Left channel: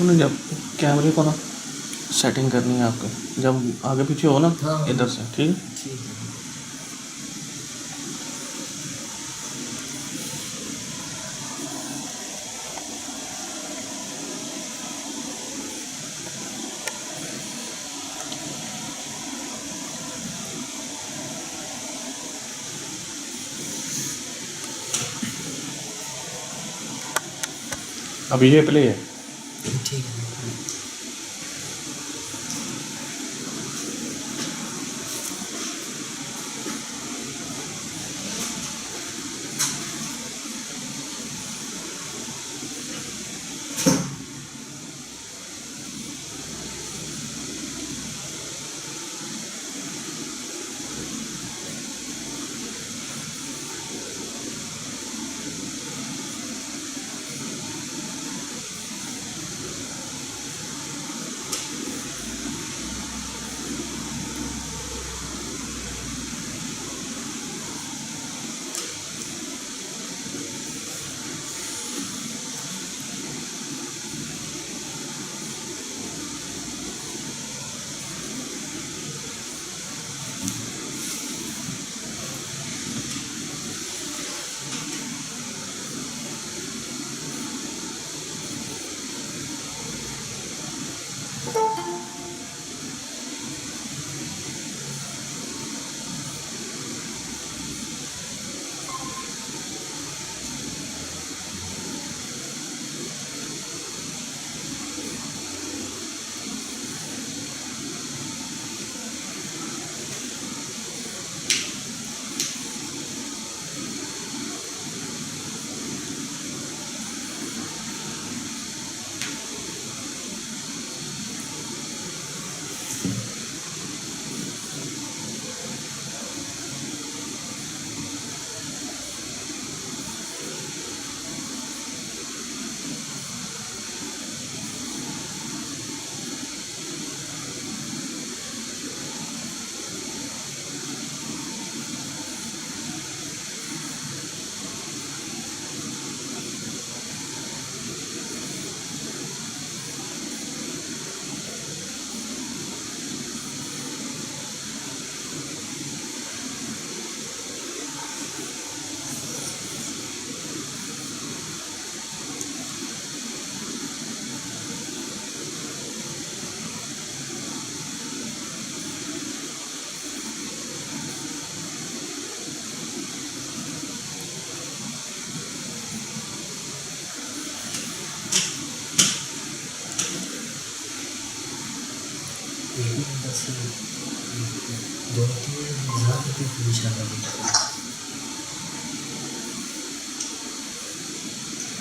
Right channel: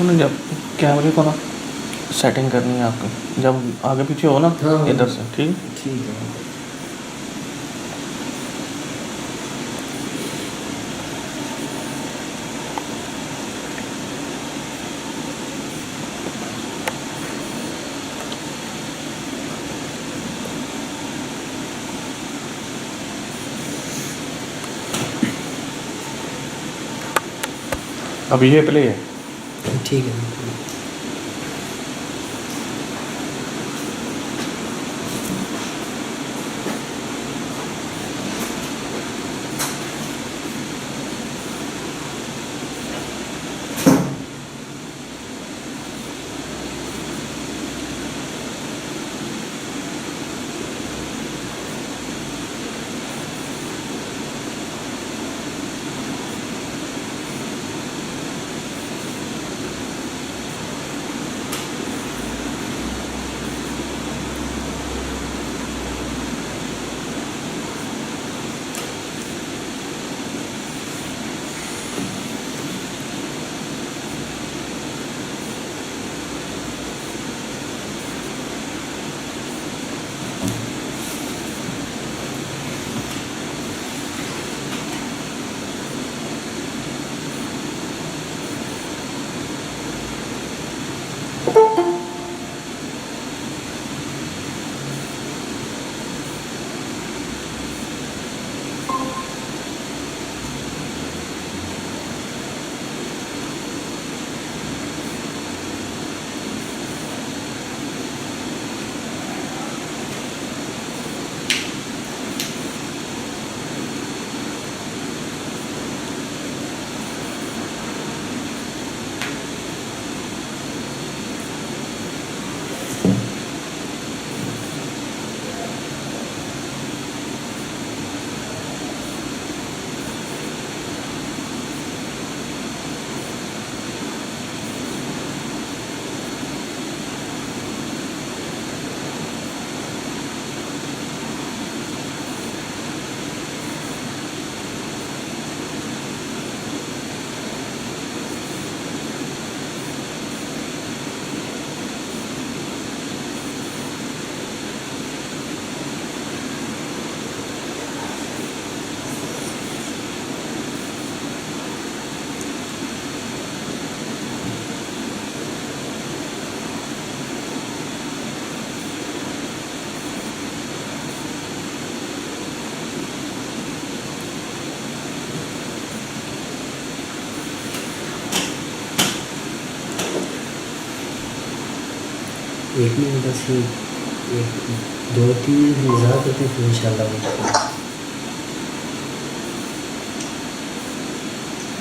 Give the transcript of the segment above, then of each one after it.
انہیں جب کیمرے کو نا سیٹنگ کرنی ہے آپ کو، جب آگے پیچھے ہو نا ادھر سے، ٹھیک ہے؟ ٹھیک ہے. ابھی یہ پلے ہے. ٹھیک ہے. ایک منٹ بس یہ 2-3 منٹ انتظار کرتے ہیں، پھر ان شاء اللہ.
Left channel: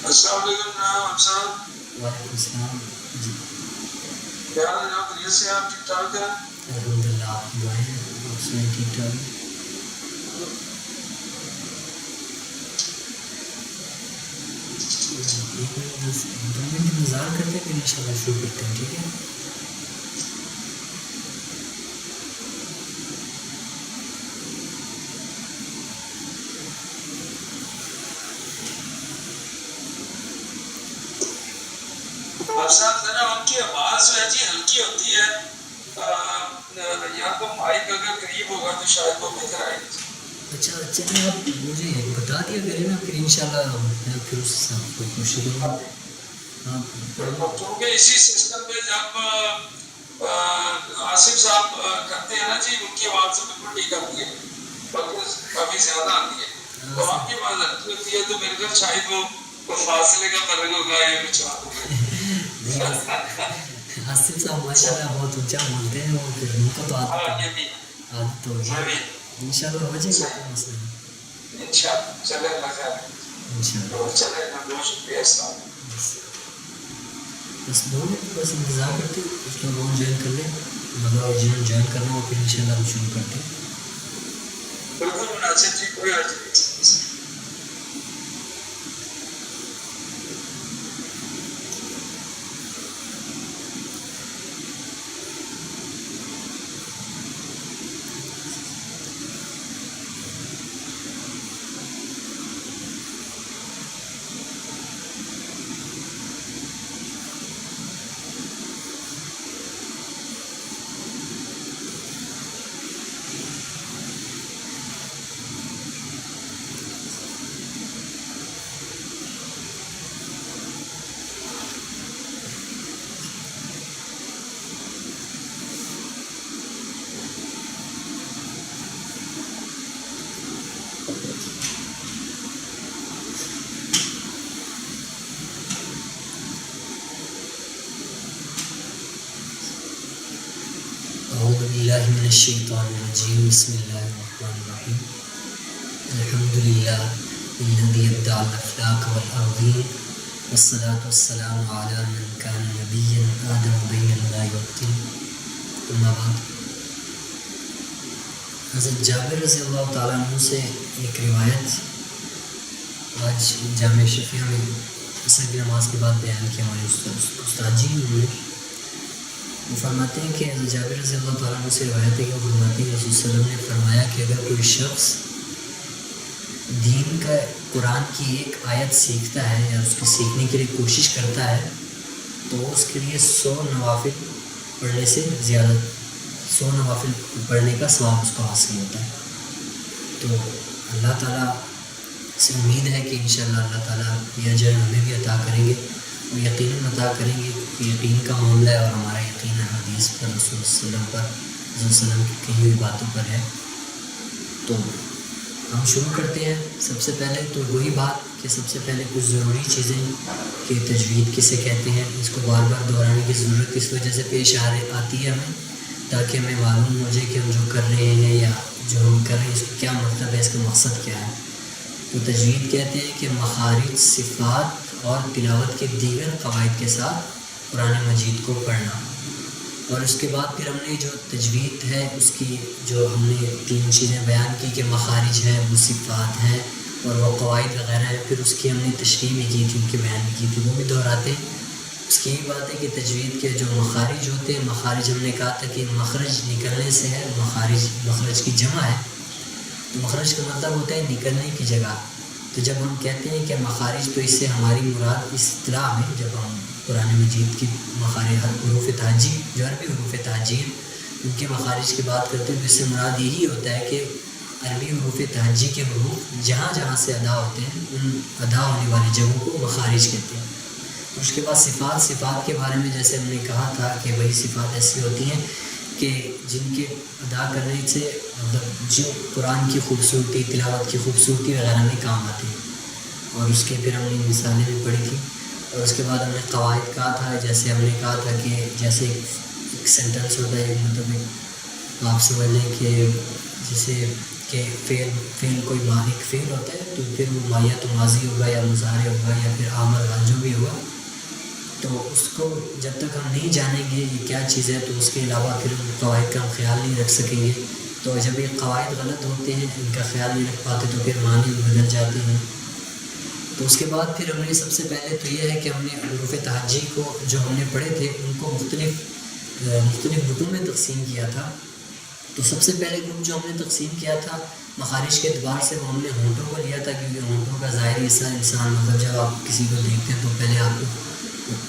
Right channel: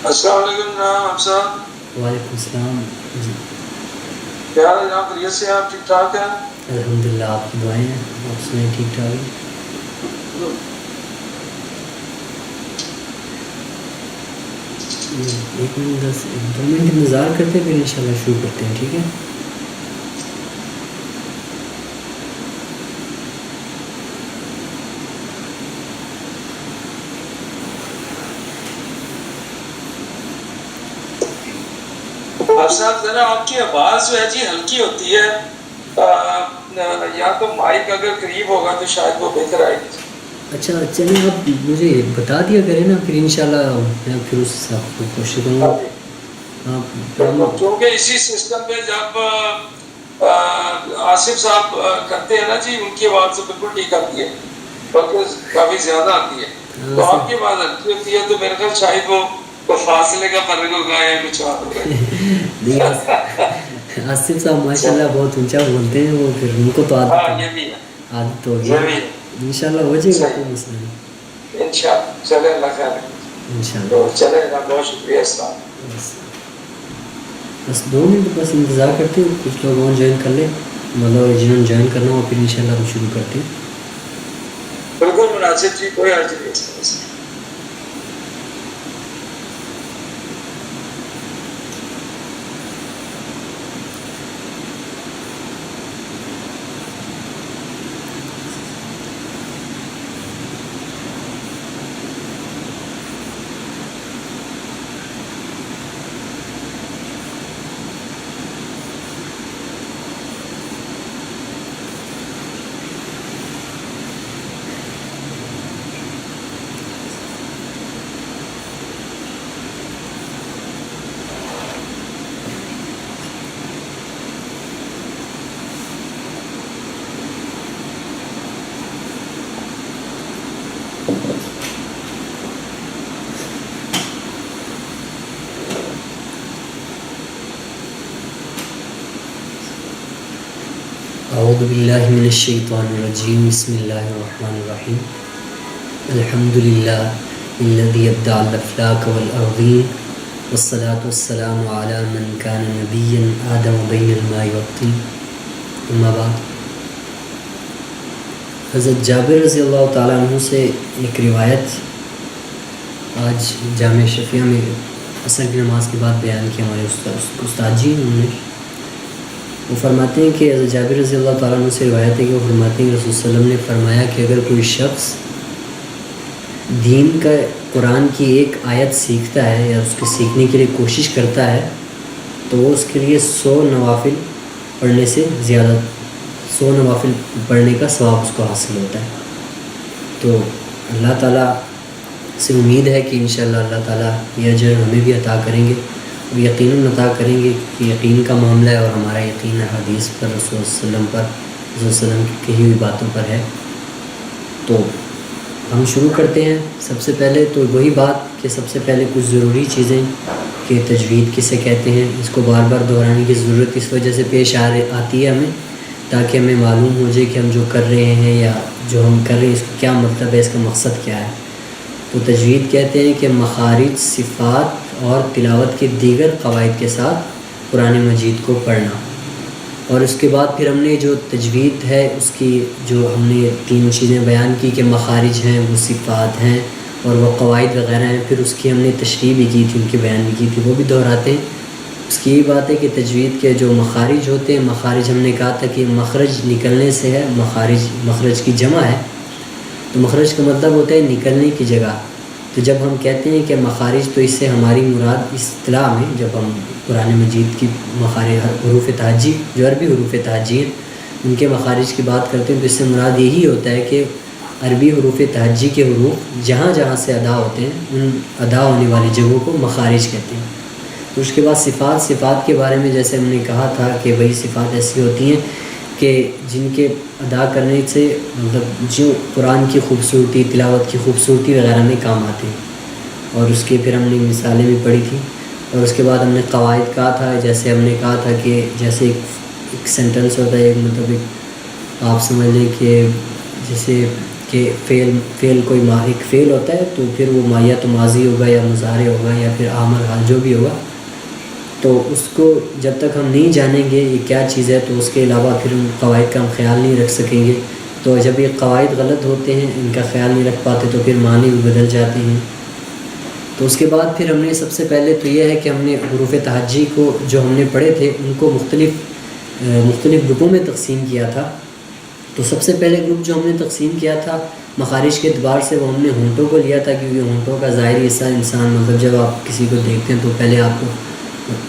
السلام علیکم جناب صاحب. وعلیکم السلام. جی کیا حال ہے جناب؟ خیریت سے آپ ٹھیک ٹھاک ہیں؟ الحمد للہ. آپ کی دعائیں ہیں، آپ سنیں ٹھیک ٹھاک ہے؟ ایک منٹ 2 منٹ انتظار کرتے ہیں، پھر ان شاء اللہ شروع کرتے ہیں. ٹھیک ہے. آپ صاحب ذرا آپ کی آواز جو ہے جی ہلکی ہوتی ہے، یا تو مائک اگر قریب ہوگا تو شاید وہ بہتر آئے گی. اچھا چلیں، آپ مجھے بتا دیا کریں نا، پھر انشاءاللہ میں پھر اس حساب سے کوشش کروں گا. آپ کیونکہ اسی سسٹم پہ جب آصف صاحب کرتے ہیں نا جی، ان کی آواز سے بالکل ٹھیک آتی ہے، بلکہ کافی زیادہ آتی ہے. تو آپ کی آواز ہلکی ہوتی ہے، تو میرے خیال شاید وہ فاصلے کا فرق ہوگا یا کچھ اور ہوگا. آصف صاحب ماشاء اللہ بہت اونچا بولتے ہیں، وہ پھر ان کو تو عادت ہو گئی. ان شاء اللہ ہو جائے گا، کوئی مسئلہ نہیں. ان شاء اللہ. چلے اللہ خیر ہے. ان شاء اللہ. چلے اللہ، بہت شکریہ. السلام. بس 2 منٹ بس انتظار کرتے، کچھ لوگ اور جوائن کر لیں، مطلب جنہوں نے جوائن کرنا ہو، پھر ان شاء اللہ ہم شروع کرتے. بالکل مناسب جی، کوئی حرج نہیں. اعوذ باللہ من الشیطان الرجیم بسم اللہ الرحمن الرحیم الحمدللہ الذی ابدع الافلاک والارضین والصلاة والسلام علی من کان نبیا آدم بین الماء والطین. اما بعد، حضرت جابر رضی اللہ تعالیٰ عنہ سے ایک روایت آج جامع شفیہ میں عصر کی نماز کے بعد بیان کی ہمارے استاد جی. انہوں نے وہ فرماتے ہیں کہ حضرت جابر رضی اللہ تعالیٰ عنہ سے روایت ہے کہ وہ فرماتے ہیں کہ رسول صلی اللہ علیہ وسلم نے فرمایا کہ اگر کوئی شخص دین کا قرآن کی ایک آیت سیکھتا ہے یا اس کے سیکھنے کے لیے کوشش کرتا ہے تو وہ اس کے لیے 100 نوافل پڑھنے سے زیادہ 100 نوافل پڑھنے کا ثواب اس کو حاصل ہوتا ہے. تو اللہ تعالیٰ سے امید ہے کہ انشاءاللہ اللہ تعالیٰ یہ اجر ہمیں بھی عطا کریں گے، وہ یقیناً عطا کریں گے کہ یقین کا معاملہ ہے اور ہمارا یقین حدیث پر رسول صلی اللہ علیہ وسلم پر رسول صلی اللہ علیہ وسلم کی کہی ہوئی باتوں پر ہے. تو ہم شروع کرتے ہیں. سب سے پہلے تو وہی بات کہ سب سے پہلے کچھ ضروری چیزیں کہ تجوید کسے کہتے ہیں، اس کو بار بار دہرانے کی ضرورت اس وجہ سے پیش آتی ہے ہمیں، تاکہ ہمیں معلوم ہو جائے کہ ہم جو کر رہے ہیں یا جو ہم کر رہے ہیں اس کا کیا مطلب ہے، اس کا مقصد کیا ہے. تو تجوید کہتے ہیں کہ مخارج، صفات اور تلاوت کے دیگر قواعد کے ساتھ قرآن مجید کو پڑھنا. اور اس کے بعد پھر ہم نے جو تجوید ہے اس کی جو ہم نے 3 چیزیں بیان کی کہ مخارج ہیں، وہ صفات ہیں اور وہ قواعد وغیرہ ہیں. پھر اس کی ہم نے تشریح بھی کی تھی، ان کے بیان بھی کی تھی، وہ بھی دہراتے ہیں. اس کی یہ بات ہے کہ تجوید کے جو مخارج ہوتے ہیں، مخارج ہم نے کہا تھا کہ مخرج نکلنے سے ہے، مخرج کی جمع ہے. تو مخرج کا مطلب ہوتا ہے نکلنے کی جگہ. تو جب ہم کہتے ہیں کہ مخارج تو اس سے ہماری مراد اصطلاح میں جب ہم قرآن مجید کی مخارج حروف تہجی جو عربی حروف تہجی ہیں ان کے مخارج کی بات کرتے ہیں تو اس سے مراد یہی ہوتا ہے کہ عربی حروف تہجی کے حروف جہاں جہاں سے ادا ہوتے ہیں ان ادا ہونے والی جگہوں کو مخارج کہتے ہیں. تو اس کے بعد صفات کے بارے میں جیسے ہم نے کہا تھا کہ وہی صفات ایسی ہوتی ہیں کہ جن کے ادا کرنے سے مطلب جو قرآن کی خوبصورتی، تلاوت کی خوبصورتی وغیرہ میں کام آتے ہیں. اور اس کی پھر ہم نے مثالیں بھی پڑھی تھیں. اور اس کے بعد ہم نے قواعد کہا تھا، جیسے ہم نے کہا تھا کہ جیسے ایک سینٹنس ہوتا ہے، ایک مطلب ایک آپ سمجھ لیں کہ جیسے کہ فعل کوئی ایک فعل ہوتا ہے تو پھر وہ یا تو ماضی ہوگا یا مضارع ہوگا یا پھر عامل حال جو بھی ہوگا. تو اس کو جب تک ہم نہیں جانیں گے یہ کیا چیز ہے تو اس کے علاوہ پھر ان قواعد کا ہم خیال نہیں رکھ سکیں گے. تو جب یہ قواعد غلط ہوتے ہیں، ان کا خیال نہیں رکھ پاتے تو پھر معنی بھی بدل جاتے ہیں. تو اس کے بعد پھر ہم نے سب سے پہلے تو یہ ہے کہ ہم نے حروف تہجی کو جو ہم نے پڑھے تھے ان کو مختلف گروپوں میں تقسیم کیا تھا. تو سب سے پہلے گروپ جو ہم نے تقسیم کیا تھا مخارج کے اعتبار سے وہ ہم نے ہونٹوں کو لیا تھا، کیونکہ ہونٹوں کا ظاہری حصہ انسان مطلب جب آپ کسی کو دیکھتے ہیں تو پہلے آپ کو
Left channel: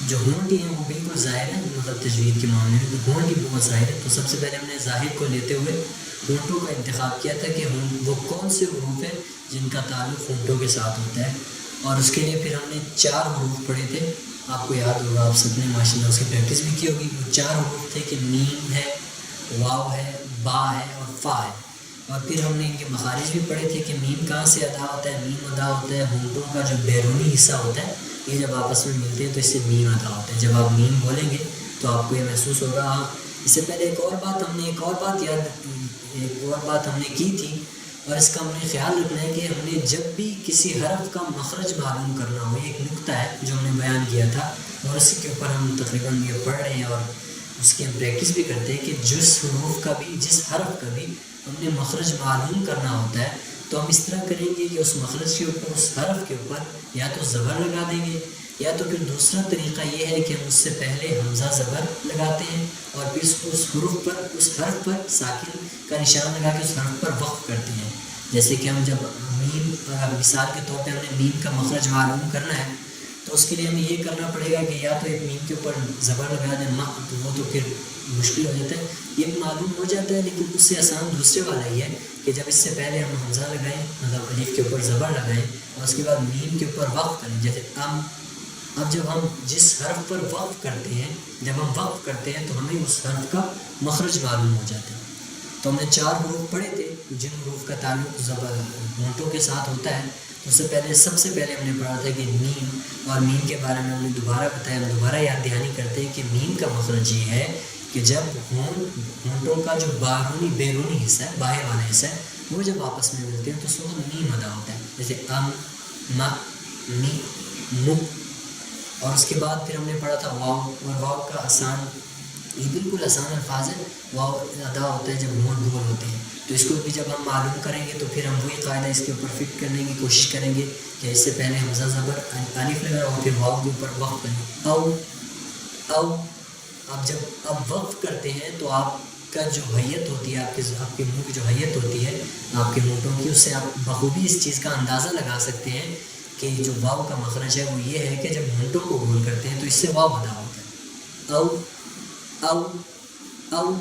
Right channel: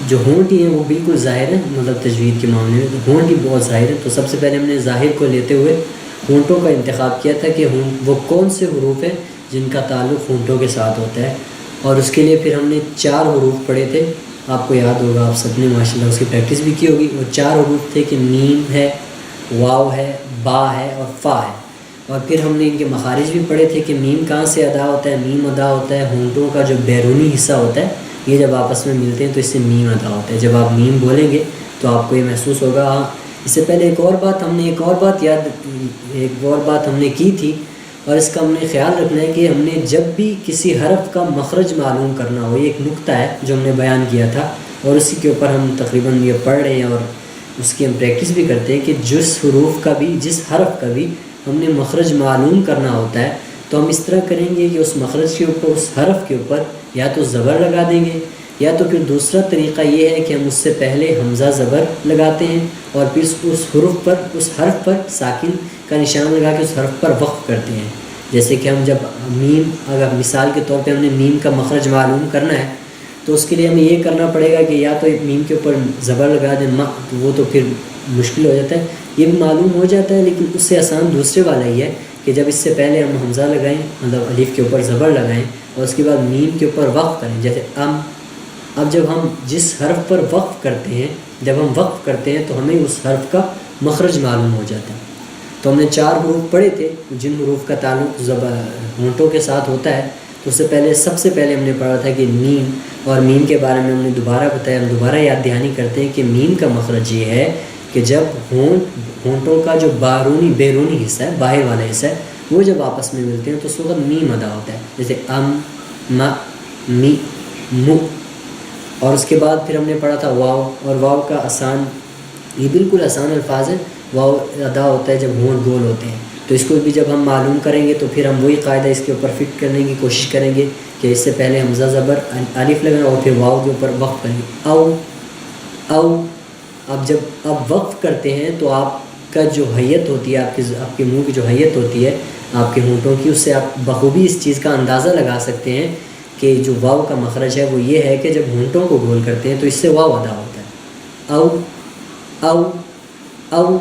جو ہونٹ ہی ہیں وہ بالکل ظاہر ہے، مطلب تجوید کے معاملے میں تو ہونٹ ہی بہت ظاہر ہے. تو سب سے پہلے ہم نے ظاہر کو لیتے ہوئے ہونٹوں کا انتخاب کیا تھا کہ وہ کون سے حروف ہیں جن کا تعلق ہونٹوں کے ساتھ ہوتا ہے. اور اس کے لیے پھر ہم نے 4 حروف پڑھے تھے. آپ کو یاد ہوگا، آپ سب نے ماشاءاللہ اس کی پریکٹس بھی کی ہوگی. وہ 4 حروف تھے کہ میم ہے، واو ہے، با ہے اور فا ہے. اور پھر ہم نے ان کے مخارج بھی پڑھے تھے کہ میم کہاں سے ادا ہوتا ہے. میم ادا ہوتا ہے ہونٹوں کا جو بیرونی حصہ ہوتا ہے، یہ جب آپس میں ملتے ہیں تو اس سے میم ادا ہوتا ہے. جب آپ میم بولیں گے تو آپ کو یہ محسوس ہوگا. ہاں، اس سے پہلے ایک اور بات ہم نے کی تھی اور اس کا ہم نے خیال رکھنا ہے کہ ہم نے جب بھی کسی حرف کا مخرج معلوم کرنا ہو، یہ ایک نقطہ ہے جو ہم نے بیان کیا تھا اور اسی کے اوپر ہم تقریباً یہ پڑھ رہے ہیں اور اس کی ہم پریکٹس بھی کرتے ہیں کہ جس حرف کا بھی ہم نے مخرج معلوم کرنا ہوتا ہے تو ہم اس طرح کریں گے کہ اس مخرج کے اوپر، اس حرف کے اوپر یا تو زبر لگا دیں گے یا تو پھر دوسرا طریقہ یہ ہے کہ ہم اس سے پہلے حمزہ زبر لگاتے ہیں اور پھر اس حرف پر ساکن کا نشان لگا کے اس حرف پر وقف کرتے ہیں. جیسے کہ ہم جب میم، اگر مثال کے طور پہ ہم نے میم کا مخرج معلوم کرنا ہے تو اس کے لیے ہمیں یہ کرنا پڑے گا کہ یا تو ایک میم کے اوپر زبر لگا دیں، وہ تو پھر مشکل ہو جاتا ہے، یہ بھی معلوم ہو جاتا ہے، لیکن اس سے آسان دوسرے والا ہی ہے کہ جب اس سے پہلے ہم حمزہ لگائیں، مطلب الف کے اوپر زبر لگائیں اور اس کے بعد میم کے اوپر وقف کریں. جیسے اب جب ہم جس حرف پر وقف کرتے ہیں تو ہمیں اس حرف کا مخرج معلوم ہو جاتا ہے. تو ہم نے 4 حروف پڑھے تھے جن حروف کا تعلق ہونٹوں کے ساتھ ہوتا ہے. تو سب سے پہلے ہم نے پڑھا تھا کہ میم، اور میم کے بارے میں ہم نے دوبارہ بتایا، ہم دوبارہ یاد دہانی کرتے ہیں کہ میم کا مخرج یہ ہے کہ جب ہونٹوں کا جو بیرونی حصہ ہے، باہر والا حصہ ہے، وہ جب آپس میں ملتے ہیں تو اس وقت میم ادا ہوتا ہے، جیسے ام، م، می، مو. اور اس کے بعد پھر ہم نے پڑھا تھا واو، اور واو کا آسان، یہ بالکل آسان الفاظ ہے. واو ادا ہوتا ہے جب ہونٹ گول ہوتے ہیں. تو اس کو بھی جب ہم معلوم کریں گے تو پھر ہم وہی قاعدہ اس کے اوپر فٹ کرنے کی کوشش کریں گے کہ اس سے پہلے حمزہ زبر الف لگائیں اور پھر واو کے اوپر وقف کریں گے. او او. اب جب آپ وقف کرتے ہیں تو آپ کا جو حیت ہوتی ہے، آپ کے منہ کی جو حیت ہوتی ہے آپ کے ہونٹوں کی، اس سے آپ بخوبی اس چیز کا اندازہ لگا سکتے ہیں کہ جو واو کا مخرج ہے وہ یہ ہے کہ جب ہونٹوں کو گول کرتے ہیں تو اس سے واو ادا ہوتا ہے. او او او.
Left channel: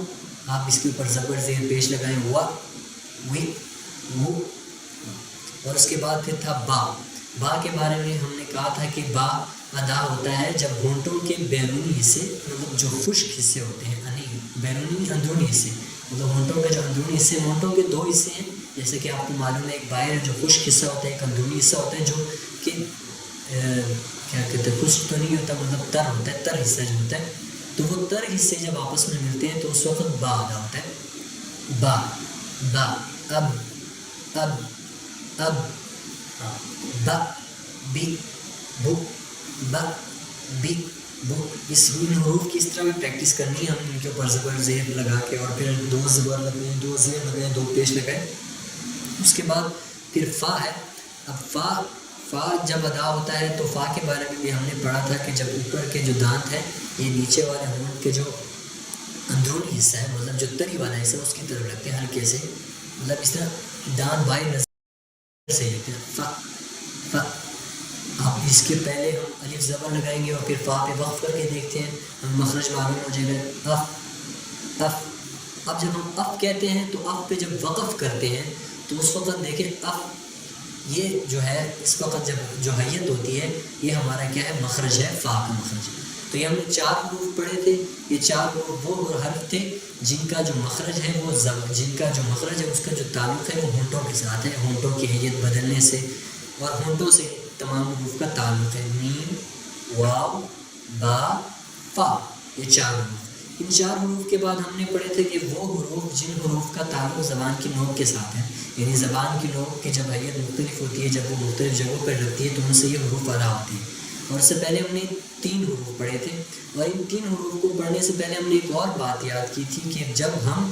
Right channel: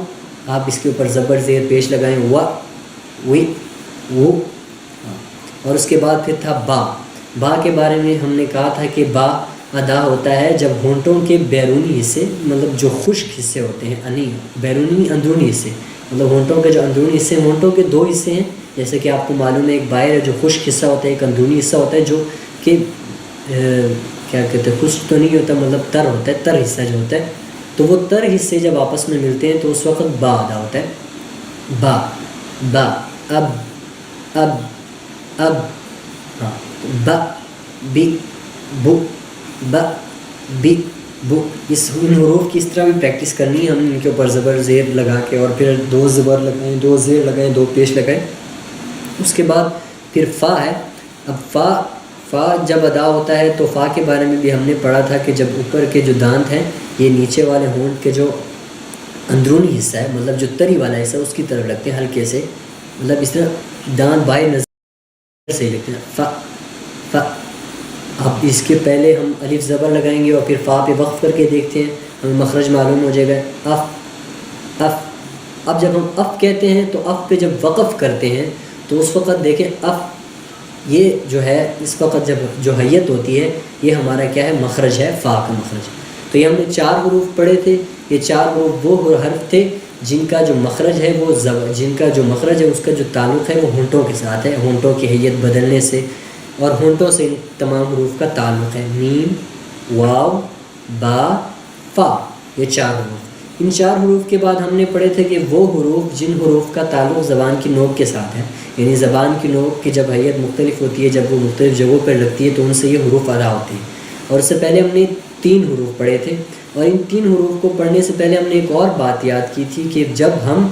آپ اس کے اوپر زبر زیر پیش لگائیں، وا، وی، وہ. اور اس کے بعد پھر تھا با. با کے بارے میں ہم نے کہا تھا کہ با ادا ہوتا ہے جب ہونٹوں کے بیرونی حصے، مطلب جو خشک حصے ہوتے ہیں، بیرونی اندرونی حصے، مطلب ہونٹوں کے جو اندرونی حصے ہیں، ہونٹوں کے دو حصے ہیں جیسے کہ آپ کو معلوم ہے، ایک باہر ہے جو خشک حصہ ہوتا ہے، ایک اندرونی حصہ ہوتا ہے جو کہ کیا کہتے ہیں، خشک تو نہیں ہوتا، مطلب تر ہوتا ہے، تر حصہ جو ہوتا ہے. تو وہ تر حصے جب آپس میں ملتے ہیں تو اس وقت با ادا ہوتا ہے. با با. اب اب اب. ہاں. با بی بو با بی بو. ان حروف کی اس طرح بھی پریکٹس کرنی ہے. ہم ان کے اوپر زبر زیر لگا کے اور پھر دو زبر لگائیں، دو زیر لگائیں، دو پیش لگائیں. اس کے بعد پھر فا ہے. اب فا جب ادا ہوتا ہے تو فا کے بارے میں بھی ہم نے پڑھا تھا کہ جب اوپر کے جو دانت ہیں یہ نیچے والے ہونٹ کے جو اندرونی حصہ ہے، مطلب جو تری والا حصہ اس کی طرف لگتے ہیں ہلکے سے، مطلب اس طرح دانت باہر نظر سے لگتے ہیں. فا فا. اب اس کے پہلے ہم الف زبر لگائیں گے اور پھر فا پہ وقف کر کے دیکھتے ہیں، ہمیں مخرج معلوم ہو جائے گا. If if. اب جب ہم اف کہتے ہیں تو اف پہ جب وقف کرتے ہیں تو اس وقت دیکھیں اف، یہ جو ہے اس وقت جب جو حیت ہوتی ہے یہ ہمارا کیا ہے، مخرج ہے، فا کا مخرج. تو یہ ہم نے 4 حروف پڑھے تھے. یہ 4 حروف وہ حرف تھے جن کا جو مخرج ہے وہ جن کا جو مخرج ہے اس کا جو تعلق ہے وہ ہونٹوں کے ساتھ ہے، ہونٹوں کی حیت بدلنے سے، اور ہونٹوں سے تمام حروف کا تعلق ہے. میم، واو، با، فا. یہ 4 حروف. ان 4 حروف کے بعد ہم نے پڑھے تھے کہ وہ حروف جن حروف کا تعلق زبان کی نوک کے ساتھ ہے، یعنی زبان کی نوک کی جب حیت مختلف ہوتی ہے، جب وہ مختلف جگہوں پر لگتی ہے تو ان سے یہ حروف ادا ہوتے ہیں. اور اس سے پہلے ہم نے 3 حروف پڑھے تھے، اور ان 3 حروف کو پڑھنے سے پہلے ہم نے ایک اور بات یاد کی تھی کہ جب ہم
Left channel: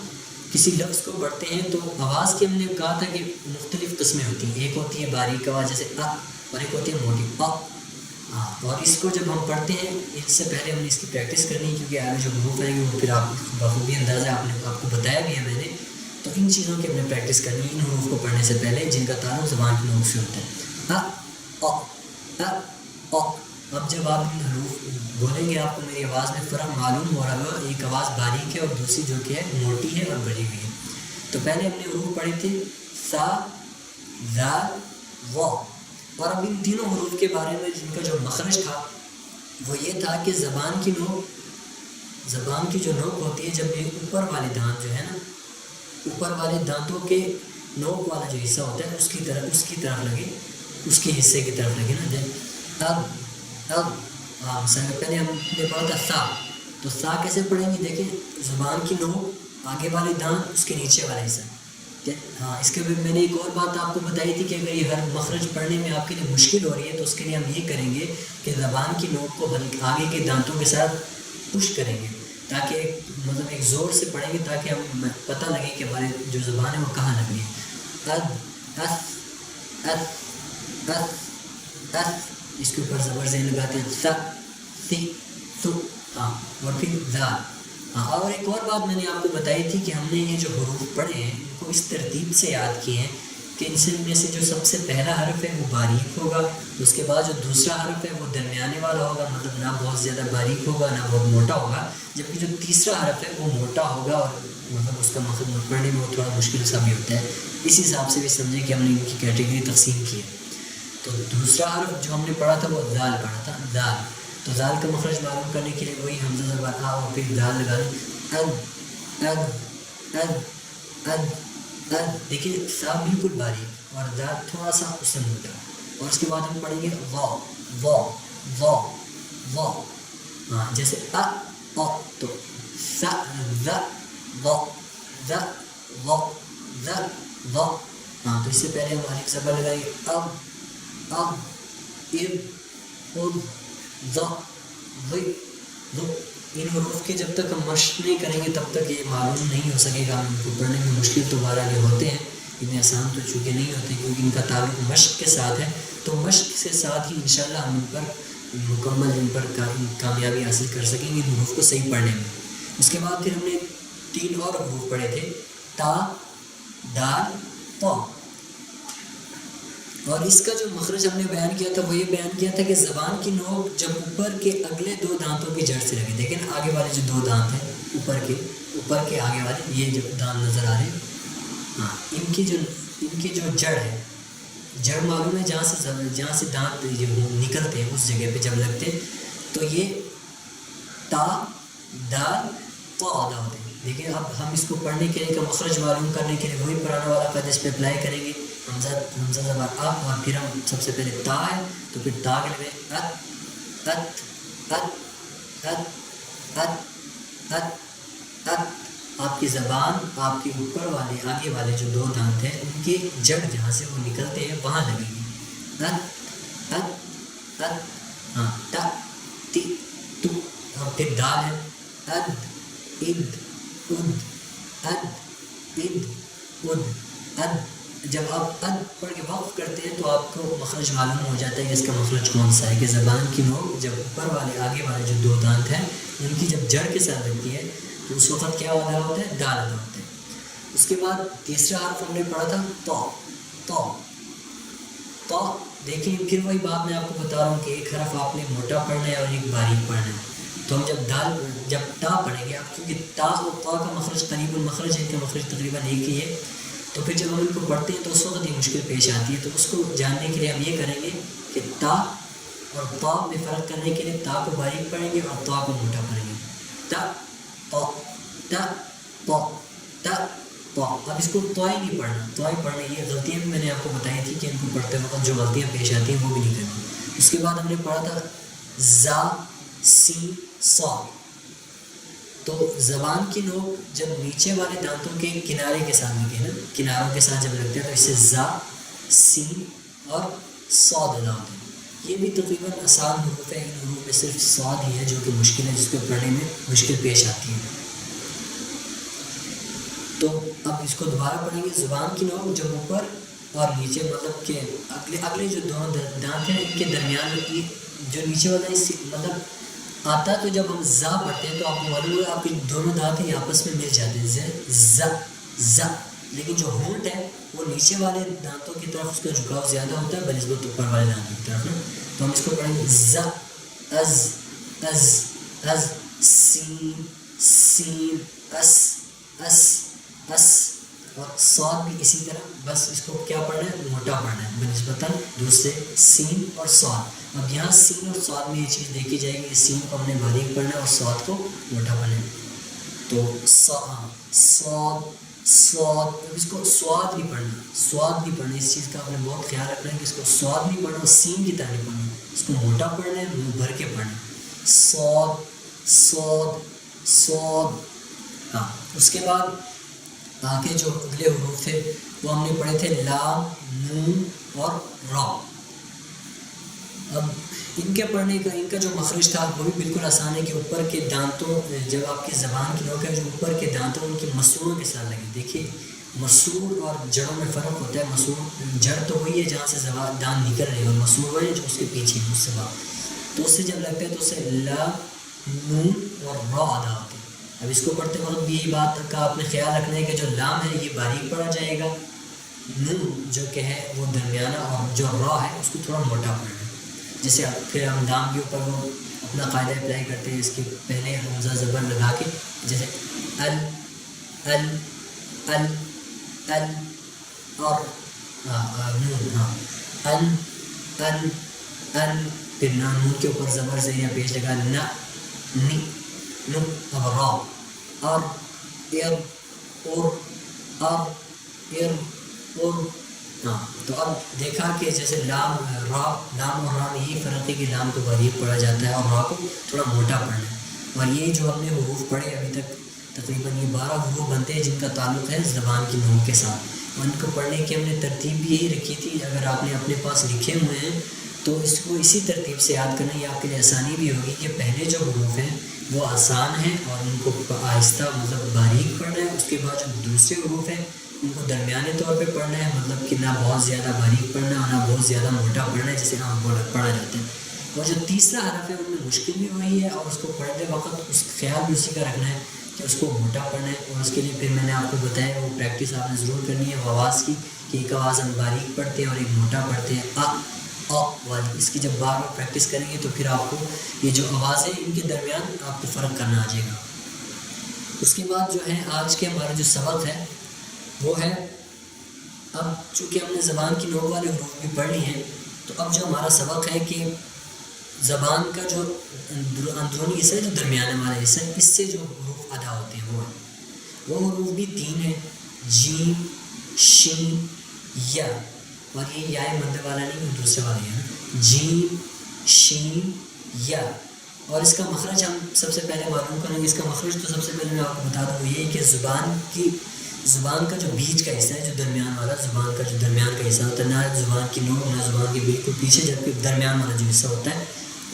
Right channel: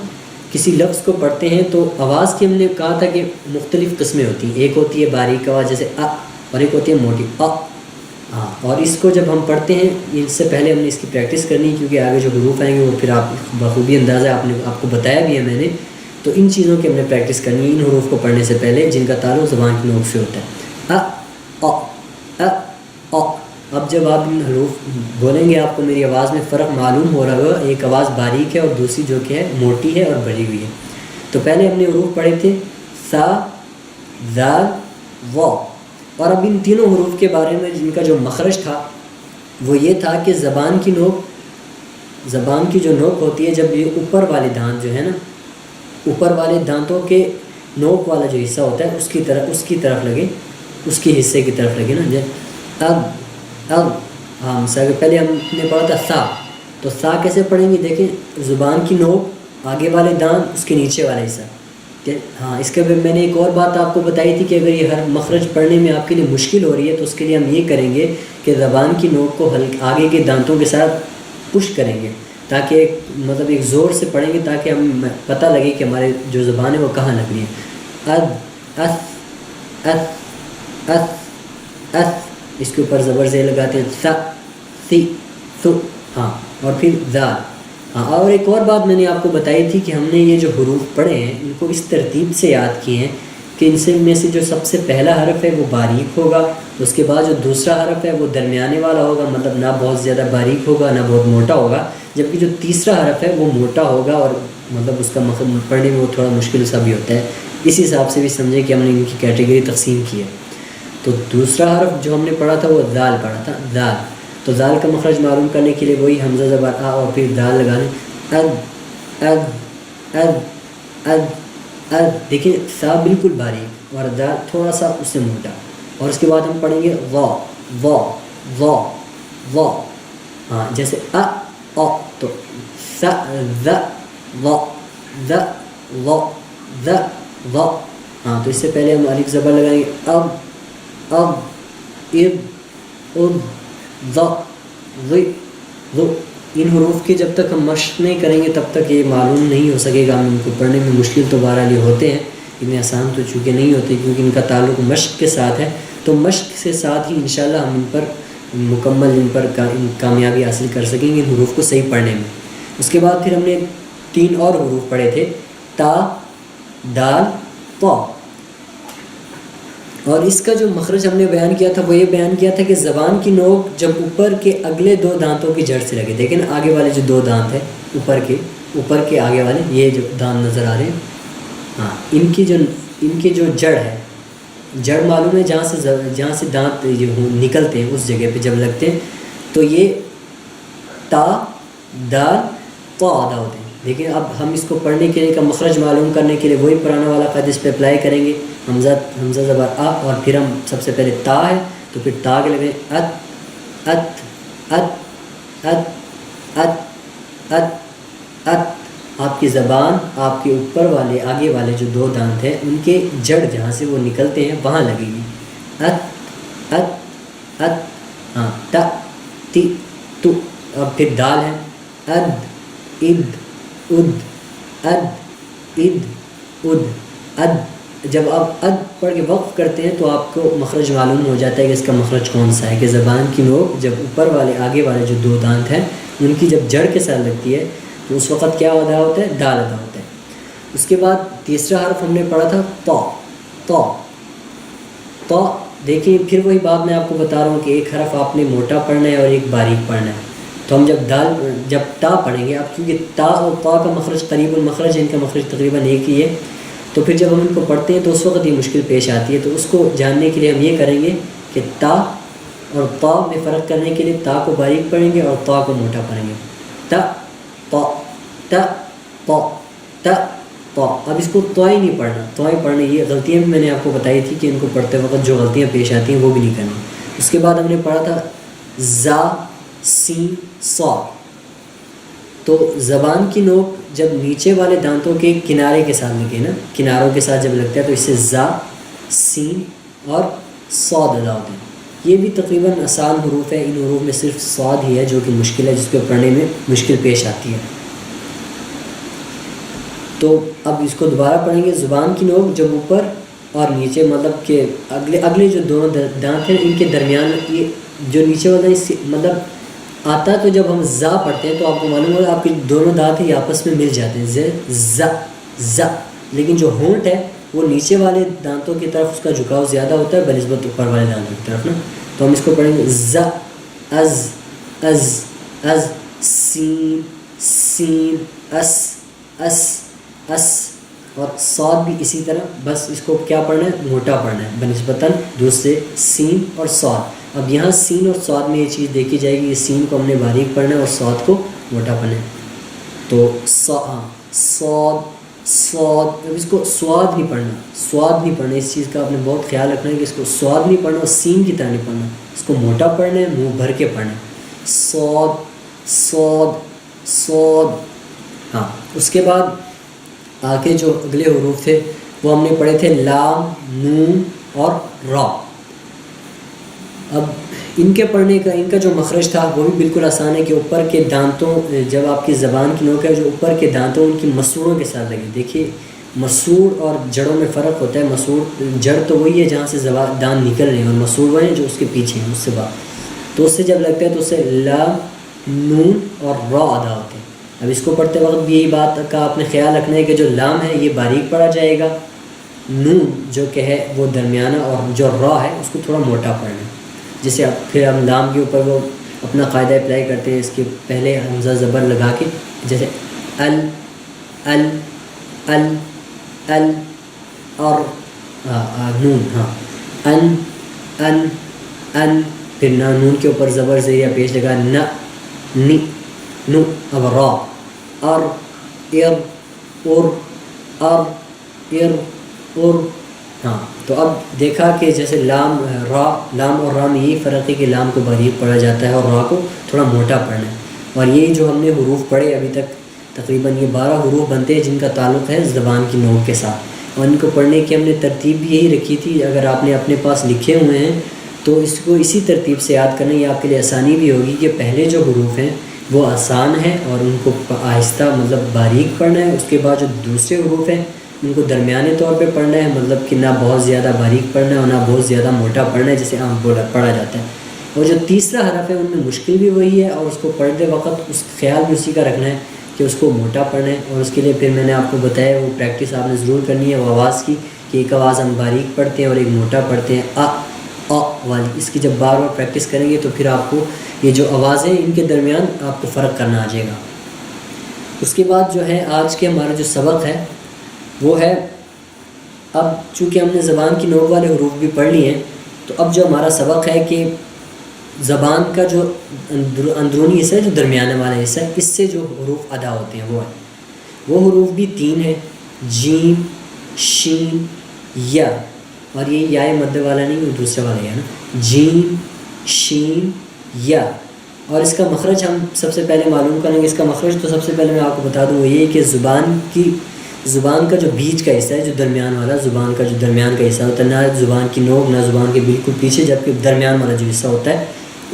کسی لفظ کو پڑھتے ہیں تو آواز کی ہم نے کہا تھا کہ مختلف قسمیں ہوتی ہیں. ایک ہوتی ہے باریک آواز جیسے ا، اور ایک ہوتی ہے موٹی ا. ہاں. اور اس کو جب ہم پڑھتے ہیں اس سے پہلے ہم نے اس کی پریکٹس کرنی ہے کیونکہ آگے جو حروف آئیں گے وہ پھر آپ بخوبی اندازہ آپ کو بتایا بھی ہے میں نے. تو ان چیزوں کی ہم نے پریکٹس کرنی ہے ان حروف کو پڑھنے سے پہلے جن کا تعلق زبان کی نوک سے ہوتا ہے. ا ا ا. اب جب آپ ان حروف بولیں گے آپ کو میری آواز میں فرق معلوم ہو رہا ہوگا. ایک آواز باریک ہے اور دوسری جو کہ ہے موٹی ہے اور بڑی ہوئی ہے. تو پہلے ہم نے حروف پڑھے تھے سا، زال، واو. اور اب ان تینوں حروف کے بارے میں جن کا جو مخرج تھا وہ یہ تھا کہ زبان کی جو نوک ہوتی ہے، جب یہ اوپر والے دانت جو ہے نا، اوپر والے دانتوں کے نوک والا جو حصہ ہوتا ہے اس کی طرف لگے، اس کے حصے کی طرف لگے نا. اب ہاں مثال پہلے ہم نے پڑھا تھا سا. تو سا کیسے پڑھیں گے؟ دیکھیں زبان کی نوک، آگے والے دانت، اس کے نیچے والا حصہ. ہاں. اس کے بعد میں نے ایک اور بات آپ کو بتائی تھی کہ اگر یہ ہر مخرج پڑھنے میں آپ کے لیے مشکل ہو رہی ہے تو اس کے لیے ہم یہ کریں گے کہ زبان کی نوک کو آگے کے دانتوں کے ساتھ پش کریں گے، تاکہ مطلب ایک زور سے پڑھیں گے تاکہ ہم پتہ لگے کہ ہمارے جو زبان ہے وہ کہاں لگ رہی ہے. اد، اس، اس، اس، اس. اس کے اوپر زبر زیر لگاتے ہیں. سا، سی، سو. ہاں. اور پھر زال. ہاں. اور ایک اور بات میں نے آپ کو بتائی تھی کہ ہم نے یہ جو حروف پڑھے ہیں ان کو اس ترتیب سے یاد کیے ہیں کہ ان میں سے جو سب سے پہلا حرف ہے وہ باریک ہوگا، اس کے بعد جو دوسرا حرف ہے وہ درمیانے والا ہوگا، مطلب نہ بہت زیادہ باریک ہوگا نہ بہت موٹا ہوگا، جبکہ جو تیسرا حرف ہے وہ موٹا ہوگا اور مطلب اس کا پڑھنے میں وہ تھوڑا مشکل سا بھی ہوتا ہے. اس حساب سے بھی سمجھے کہ ہم نے ان کی کیٹیگری تقسیم کی ہے. تو دوسرا حرف جو ہم نے پڑھا تھا وہ دال پڑھا تھا، دال. تو دال کا مخرج معلوم کرنے کے لیے وہی حمزہ زبر آ اور پھر دال لگانے. اد اد اد اد اد. دیکھیں سا بالکل باریک اور دال تھوڑا سا اس سے موٹا. اور اس کے بعد ہم پڑھیں گے وا وا وا وا. ہاں. جیسے ا او تو ث ذ ظ ذ ظ ذ ظ. ہاں تو اس سے پہلے ہم الف زبر لگائیں گے اب اب اب ض ض ض. ان حروف کی جب تک ہم مشق نہیں کریں گے تب تک یہ معلوم نہیں ہو سکے گا. ہم ان کو پڑھنے میں مشکل تو بہرحال یہ ہوتے ہیں, اتنے آسان تو چونکہ نہیں ہوتے کیونکہ ان کا تعلق مشق کے ساتھ ہے. تو مشق سے ساتھ ہی انشاءاللہ ہم ان پر مکمل ان پر کامیابی حاصل کر سکیں گے ان حروف کو صحیح پڑھنے میں. اس کے بعد پھر ہم نے 3 اور حروف پڑھے تھے, تا دال طا. اور اس کا جو مخرج ہم نے بیان کیا تھا وہ یہ بیان کیا تھا کہ زبان کی نوک جب اوپر کے اگلے 2 دانتوں کی جڑ سے لگے. دیکھیں آگے والے جو 2 دانت ہیں اوپر کے آگے والے یہ جو دانت نظر آ رہے ہیں, ہاں ان کی جو جڑ ہے, جڑ معلوم ہے جہاں سے دانت جو نکلتے ہیں اس جگہ پہ جب لگتے ہیں تو یہ تا دال طا ادا ہوتے ہیں. لیکن اب ہم اس کو پڑھنے کے لیے کا مخرج معلوم کرنے کے لیے وہی پرانا والا قاعدہ اس پہ اپلائی کریں گے. حمزہ زبر آ, اور پھر ہم سب سے پہلے تا ہے تو پھر تا کے لگیں ات ات ات ات ات ات ات. آپ کی زبان آپ کے اوپر والے آگے والے جو 2 دانت ہیں ان کے جڑ جہاں سے وہ نکلتے ہیں وہاں لگے گی. ات ات ات. ہاں تا تی تو. اب پھر دال ہے اد اد اد اد اد اد اد. جب آپ اد پڑھ کے وقف کرتے ہیں تو آپ کو مخرج معلوم ہو جاتا ہے کہ اس کا مخرج کون سا ہے. کہ زبان کی نوک جب اوپر والے آگے والے جو 2 دانت ہیں ان کی جب جڑ کے ساتھ لگتی ہے تو اس وقت کیا ادا ہوتا ہے, دال ادا ہوتا ہے. اس کے بعد تیسرا حرف ہم نے پڑھا تھا تا تا تا. دیکھیں پھر وہی بات میں آپ کو بتا رہا ہوں کہ ایک حرف آپ نے موٹا پڑھنا ہے اور ایک باریک پڑھنا ہے. تو ہم جب تا پڑھیں گے آپ, کیونکہ تا اور تا کا مخرج قریب المخرج, ان کا مخرج تقریباً ایک ہی ہے, تو پھر جب ہم ان کو پڑھتے ہیں تو اس وقت یہ مشکل پیش آتی ہے. تو اس کو جاننے کے لیے ہم یہ کریں گے کہ تا اور تا میں فرق کرنے کے لیے تا کو باریک پڑھیں گے اور تا کو موٹا پڑھیں گے. تا تا تا تا تا تا. اب اس کو تو ہی نہیں پڑھنا, تو ہی پڑھنا. یہ غلطیاں بھی میں نے آپ کو بتائی تھی کہ ان کو پڑھتے وقت جو غلطیاں پیش آتی ہیں وہ بھی نہیں کرنی. اس کے بعد ہم نے پڑھا تھا زا سین صاد. تو زبان کی نوک جب نیچے والے دانتوں کے کنارے کے ساتھ لگے نا, کناروں کے ساتھ جب لگتا ہے تو اس سے زا سین اور صاد ادا ہوتے ہیں. یہ بھی تقریباً آسان حروف ہے. ان حروف میں صرف صاد ہی ہے جو کہ مشکل ہے, جس کو پڑھنے میں مشکل پیش آتی ہے. تو اب اس کو دوبارہ پڑھیں گے. زبان کی نوک جب اوپر اور نیچے مطلب کہ اگلے جو دونوں دانت ہیں ان کے درمیان یہ جو نیچے والا مطلب آتا ہے. تو جب ہم زا پڑھتے ہیں تو آپ کو معلوم ہوگا آپ کے دونوں دانت ہیں یہ آپس میں مل جاتے ہیں ز ز. لیکن جو ہونٹ ہے وہ نیچے والے دانتوں کی طرف اس کا جھکاؤ زیادہ ہوتا ہے بنسبت اوپر والے دانتوں کی طرف نا. تو ہم اس کو پڑھیں گے ز از از از سین سین اس اس اس. اور صاد بھی اسی طرح, بس اس کو کیا پڑھنا ہے, موٹا پڑھنا ہے بنسبتاً دوسرے سین اور صاد. اب یہاں سین اور صاد میں یہ چیز دیکھی جائے گی, یہ سین کو ہم نے باریک پڑھنا ہے اور صاد کو موٹا پڑھنا ہے. تو صاد صاد. اب اس کو سواد نہیں پڑھنا, سواد نہیں پڑھنا. اس چیز کا آپ نے بہت خیال رکھنا ہے کہ اس کو سواد نہیں پڑھنا اور سین کی طرح نہیں پڑھنا, اس کو موٹا پڑھنا ہے, منہ بھر کے پڑھنا ہے. صاد صاد صاد. ہاں اس کے بعد آگے جو اگلے حروف تھے وہ ہم نے پڑھے تھے لام نون اور را. اب ان کے پڑھنے کا ان کا جو مخرج تھا وہ بھی بالکل آسان ہے کہ اوپر کے دانتوں جب آپ کی زبان کی نوک ہے جو اوپر کے دانتوں ان کی مسوڑوں کے ساتھ لگے. دیکھیے مسوڑ اور جڑوں میں فرق ہوتا ہے. مسوڑ جڑ تو وہی ہے جہاں سے زبان دانت نکل رہے ہیں, اور مسوڑ وہ ہیں جو اس کے پیچھے ہیں اس سے بعد. تو اس سے جب لگتا ہے تو اس سے لا نون اور را ادا ہوتے ہیں. اب اس کو پڑھتے وقت بھی یہی بات کا آپ نے خیال رکھنا ہے کہ جو لام ہے یہ باریک پڑھا جائے گا, نون جو کہ ہے وہ درمیانہ, اور جو را ہے اس کو تھوڑا موٹا پڑھنا ہے. جسے پھر ہم لام کے اوپر وہ اپنا قاعدہ اپلائی کرتے ہیں. اس کے پہلے حمزہ زبر لگا کے جیسے ال ال ال ال اور نون, ہاں ان ان ان. پھر نون کے اوپر زبر زیرہ پیش لگا نہ نی نو. اب را ار ار اور ار ار اور. ہاں تو اب دیکھا کہ جیسے لام اور را میں یہی فرق ہے کہ لام کو باریک پڑھا جاتا ہے اور را کو تھوڑا موٹا پڑھنا ہے. اور یہ جو ہم نے حروف پڑھے ابھی تک تقریباً یہ 12 حروف بنتے ہیں جن کا تعلق ہے زبان کی نوک کے ساتھ، اور ان کو پڑھنے کی ہم نے ترتیب بھی یہی رکھی تھی. اگر آپ نے اپنے پاس لکھے ہوئے ہیں تو اس کو اسی ترتیب سے یاد کرنا، یہ آپ کے لیے آسانی بھی ہوگی کہ پہلے جو حروف ہیں وہ آسان ہیں اور ان کو آہستہ مطلب باریک پڑھنا ہے. اس کے بعد جو دوسرے حروف ہیں ان کو درمیانے طور پہ پڑھنا ہے، مطلب کہ نہ بہت زیادہ باریک پڑھنا ہے اور نہ بہت زیادہ موٹا پڑھنا ہے جسے عام پڑھا جاتا ہے. اور جو تیسرا حرف ہے ان میں مشکل بھی وہی ہے، اور اس کو پڑھتے وقت اس خیال بھی اسی کا رکھنا ہے کہ اس کو موٹا پڑھنا ہے. اور اس کے لیے پھر میں نے آپ کو بتایا وہ پریکٹس آپ نے ضرور کرنی ہے وہ آواز کی، کہ ایک آواز ہم باریک پڑھتے ہیں اور ایک موٹا پڑھتے ہیں، آ والی. اس کی جب بار بار پریکٹس کریں گے تو پھر آپ کو یہ جو آوازیں ان کے درمیان آپ کو فرق کرنا آ جائے گا. اس کے بعد جو ہے آج کے ہمارا جو سبق ہے وہ ہے، اب چونکہ ہم نے زبان کی نوک والے حروف بھی پڑھ لیے ہیں، تو اب جو ہمارا سبق ہے کہ زبان کا جو اندرونی حصہ ہے، جو درمیانے والا حصہ ہے، اس سے جو حروف ادا ہوتے ہیں وہ حروف بھی 3 ہیں، جیم، شین، یا. اور یہ یا مد والا نہیں، وہ دوسرے والا ہے نا، جیم، شین، یا. اور اس کا مخرج ہم سب سے پہلے معلوم کریں گے. اس کا مخرج تو سب سے پہلے میں آپ کو بتا دوں وہ یہ کہ زبان کا جو بیچ کا حصہ ہے، جو درمیان والا زبان کا جو درمیان کا حصہ ہوتا ہے، نہ زبان کی نوک نہ زبان کے بالکل پیچھے، جبکہ درمیان والا جو حصہ ہوتا ہے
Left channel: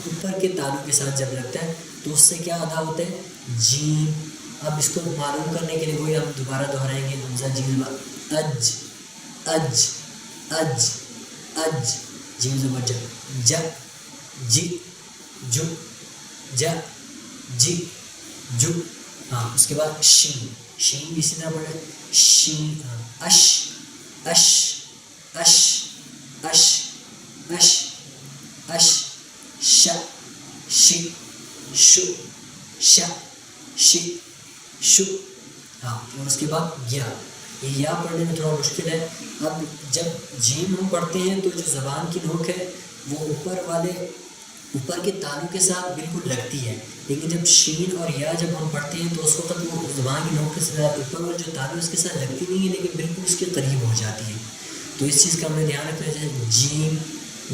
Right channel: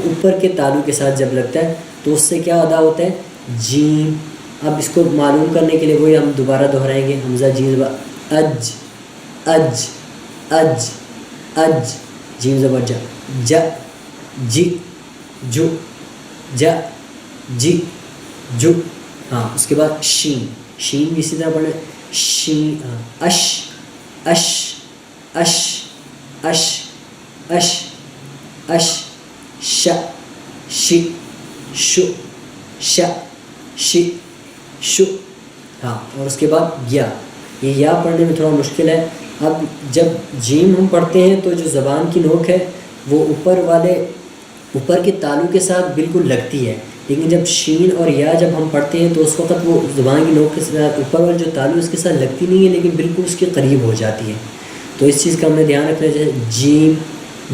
اوپر کے تالو کے ساتھ جب لگتا ہے تو اس سے کیا ادا ہوتا ہے، جیم. اب اس کو معلوم کرنے کے لیے وہی ہم دوبارہ دہرائیں گے، حمزہ جیم زبر اج، اج، اج، اج، جیم زبر جا، جا، جی، جو، جا، جی، جو. ہاں اس کے بعد شین، شین بھی اسی طرح پڑھنا ہے، شین، اش، اش، اش، اش، اش، اش، ش، شی، شو، ش، شی، شو. ہاں اور اس کے بعد یا. یہ یا پڑھنے میں تھوڑا مشکل ہے. اب جب جیم ہم پڑھتے ہیں تو جو زبان کی نوک ہے وہ اوپر کے تالو کے ساتھ بالکل لگتی ہے، لیکن جب شین اور یا جب ہم پڑھتے ہیں تو اس وقت وہ زبان کی نوک کے ساتھ اوپر والا جو تالو اس کے ساتھ لگتی نہیں ہے، لیکن بالکل اس کے قریب ہو جاتی ہے. تو اس چیز کا ہم نے دھیان رکھنا ہے. جیسے جیم،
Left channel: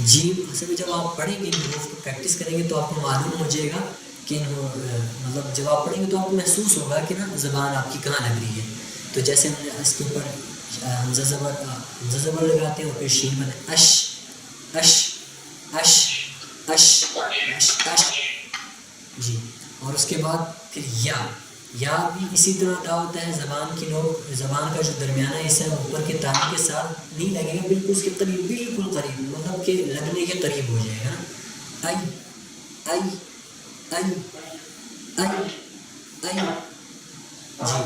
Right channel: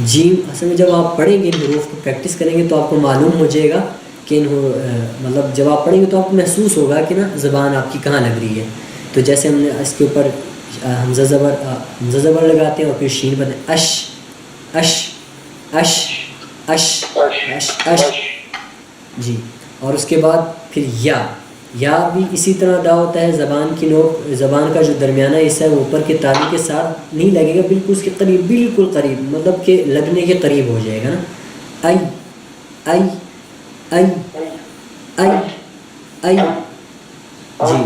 جیم اصل میں جب آپ پڑھیں گے ان حروف کو پریکٹس کریں گے تو آپ کو معلوم ہو جائے گا کہ مطلب جب آپ پڑھیں گے تو آپ کو محسوس ہوگا کہ نا زبان آپ کی کہاں لگ رہی ہے. تو جیسے ہم نے اس کے اوپر حمزہ زبر لگاتے ہیں اور پھر شین بنتے ہیں، اش، اش، اش، اش، اش، اش، جی. اور اس کے بعد پھر یا بھی اسی طرح ادا ہوتا ہے. زبان کی نوک، زبان کا جو درمیانہ حصہ ہے وہ اوپر کے تالو کے ساتھ نہیں لگے گا، بالکل اس کے قریب، بالکل قریب، مطلب کہ لگنے کے قریب ہو جائے گا نا. آئی، آئی، آئی، آئی، آئی، جی.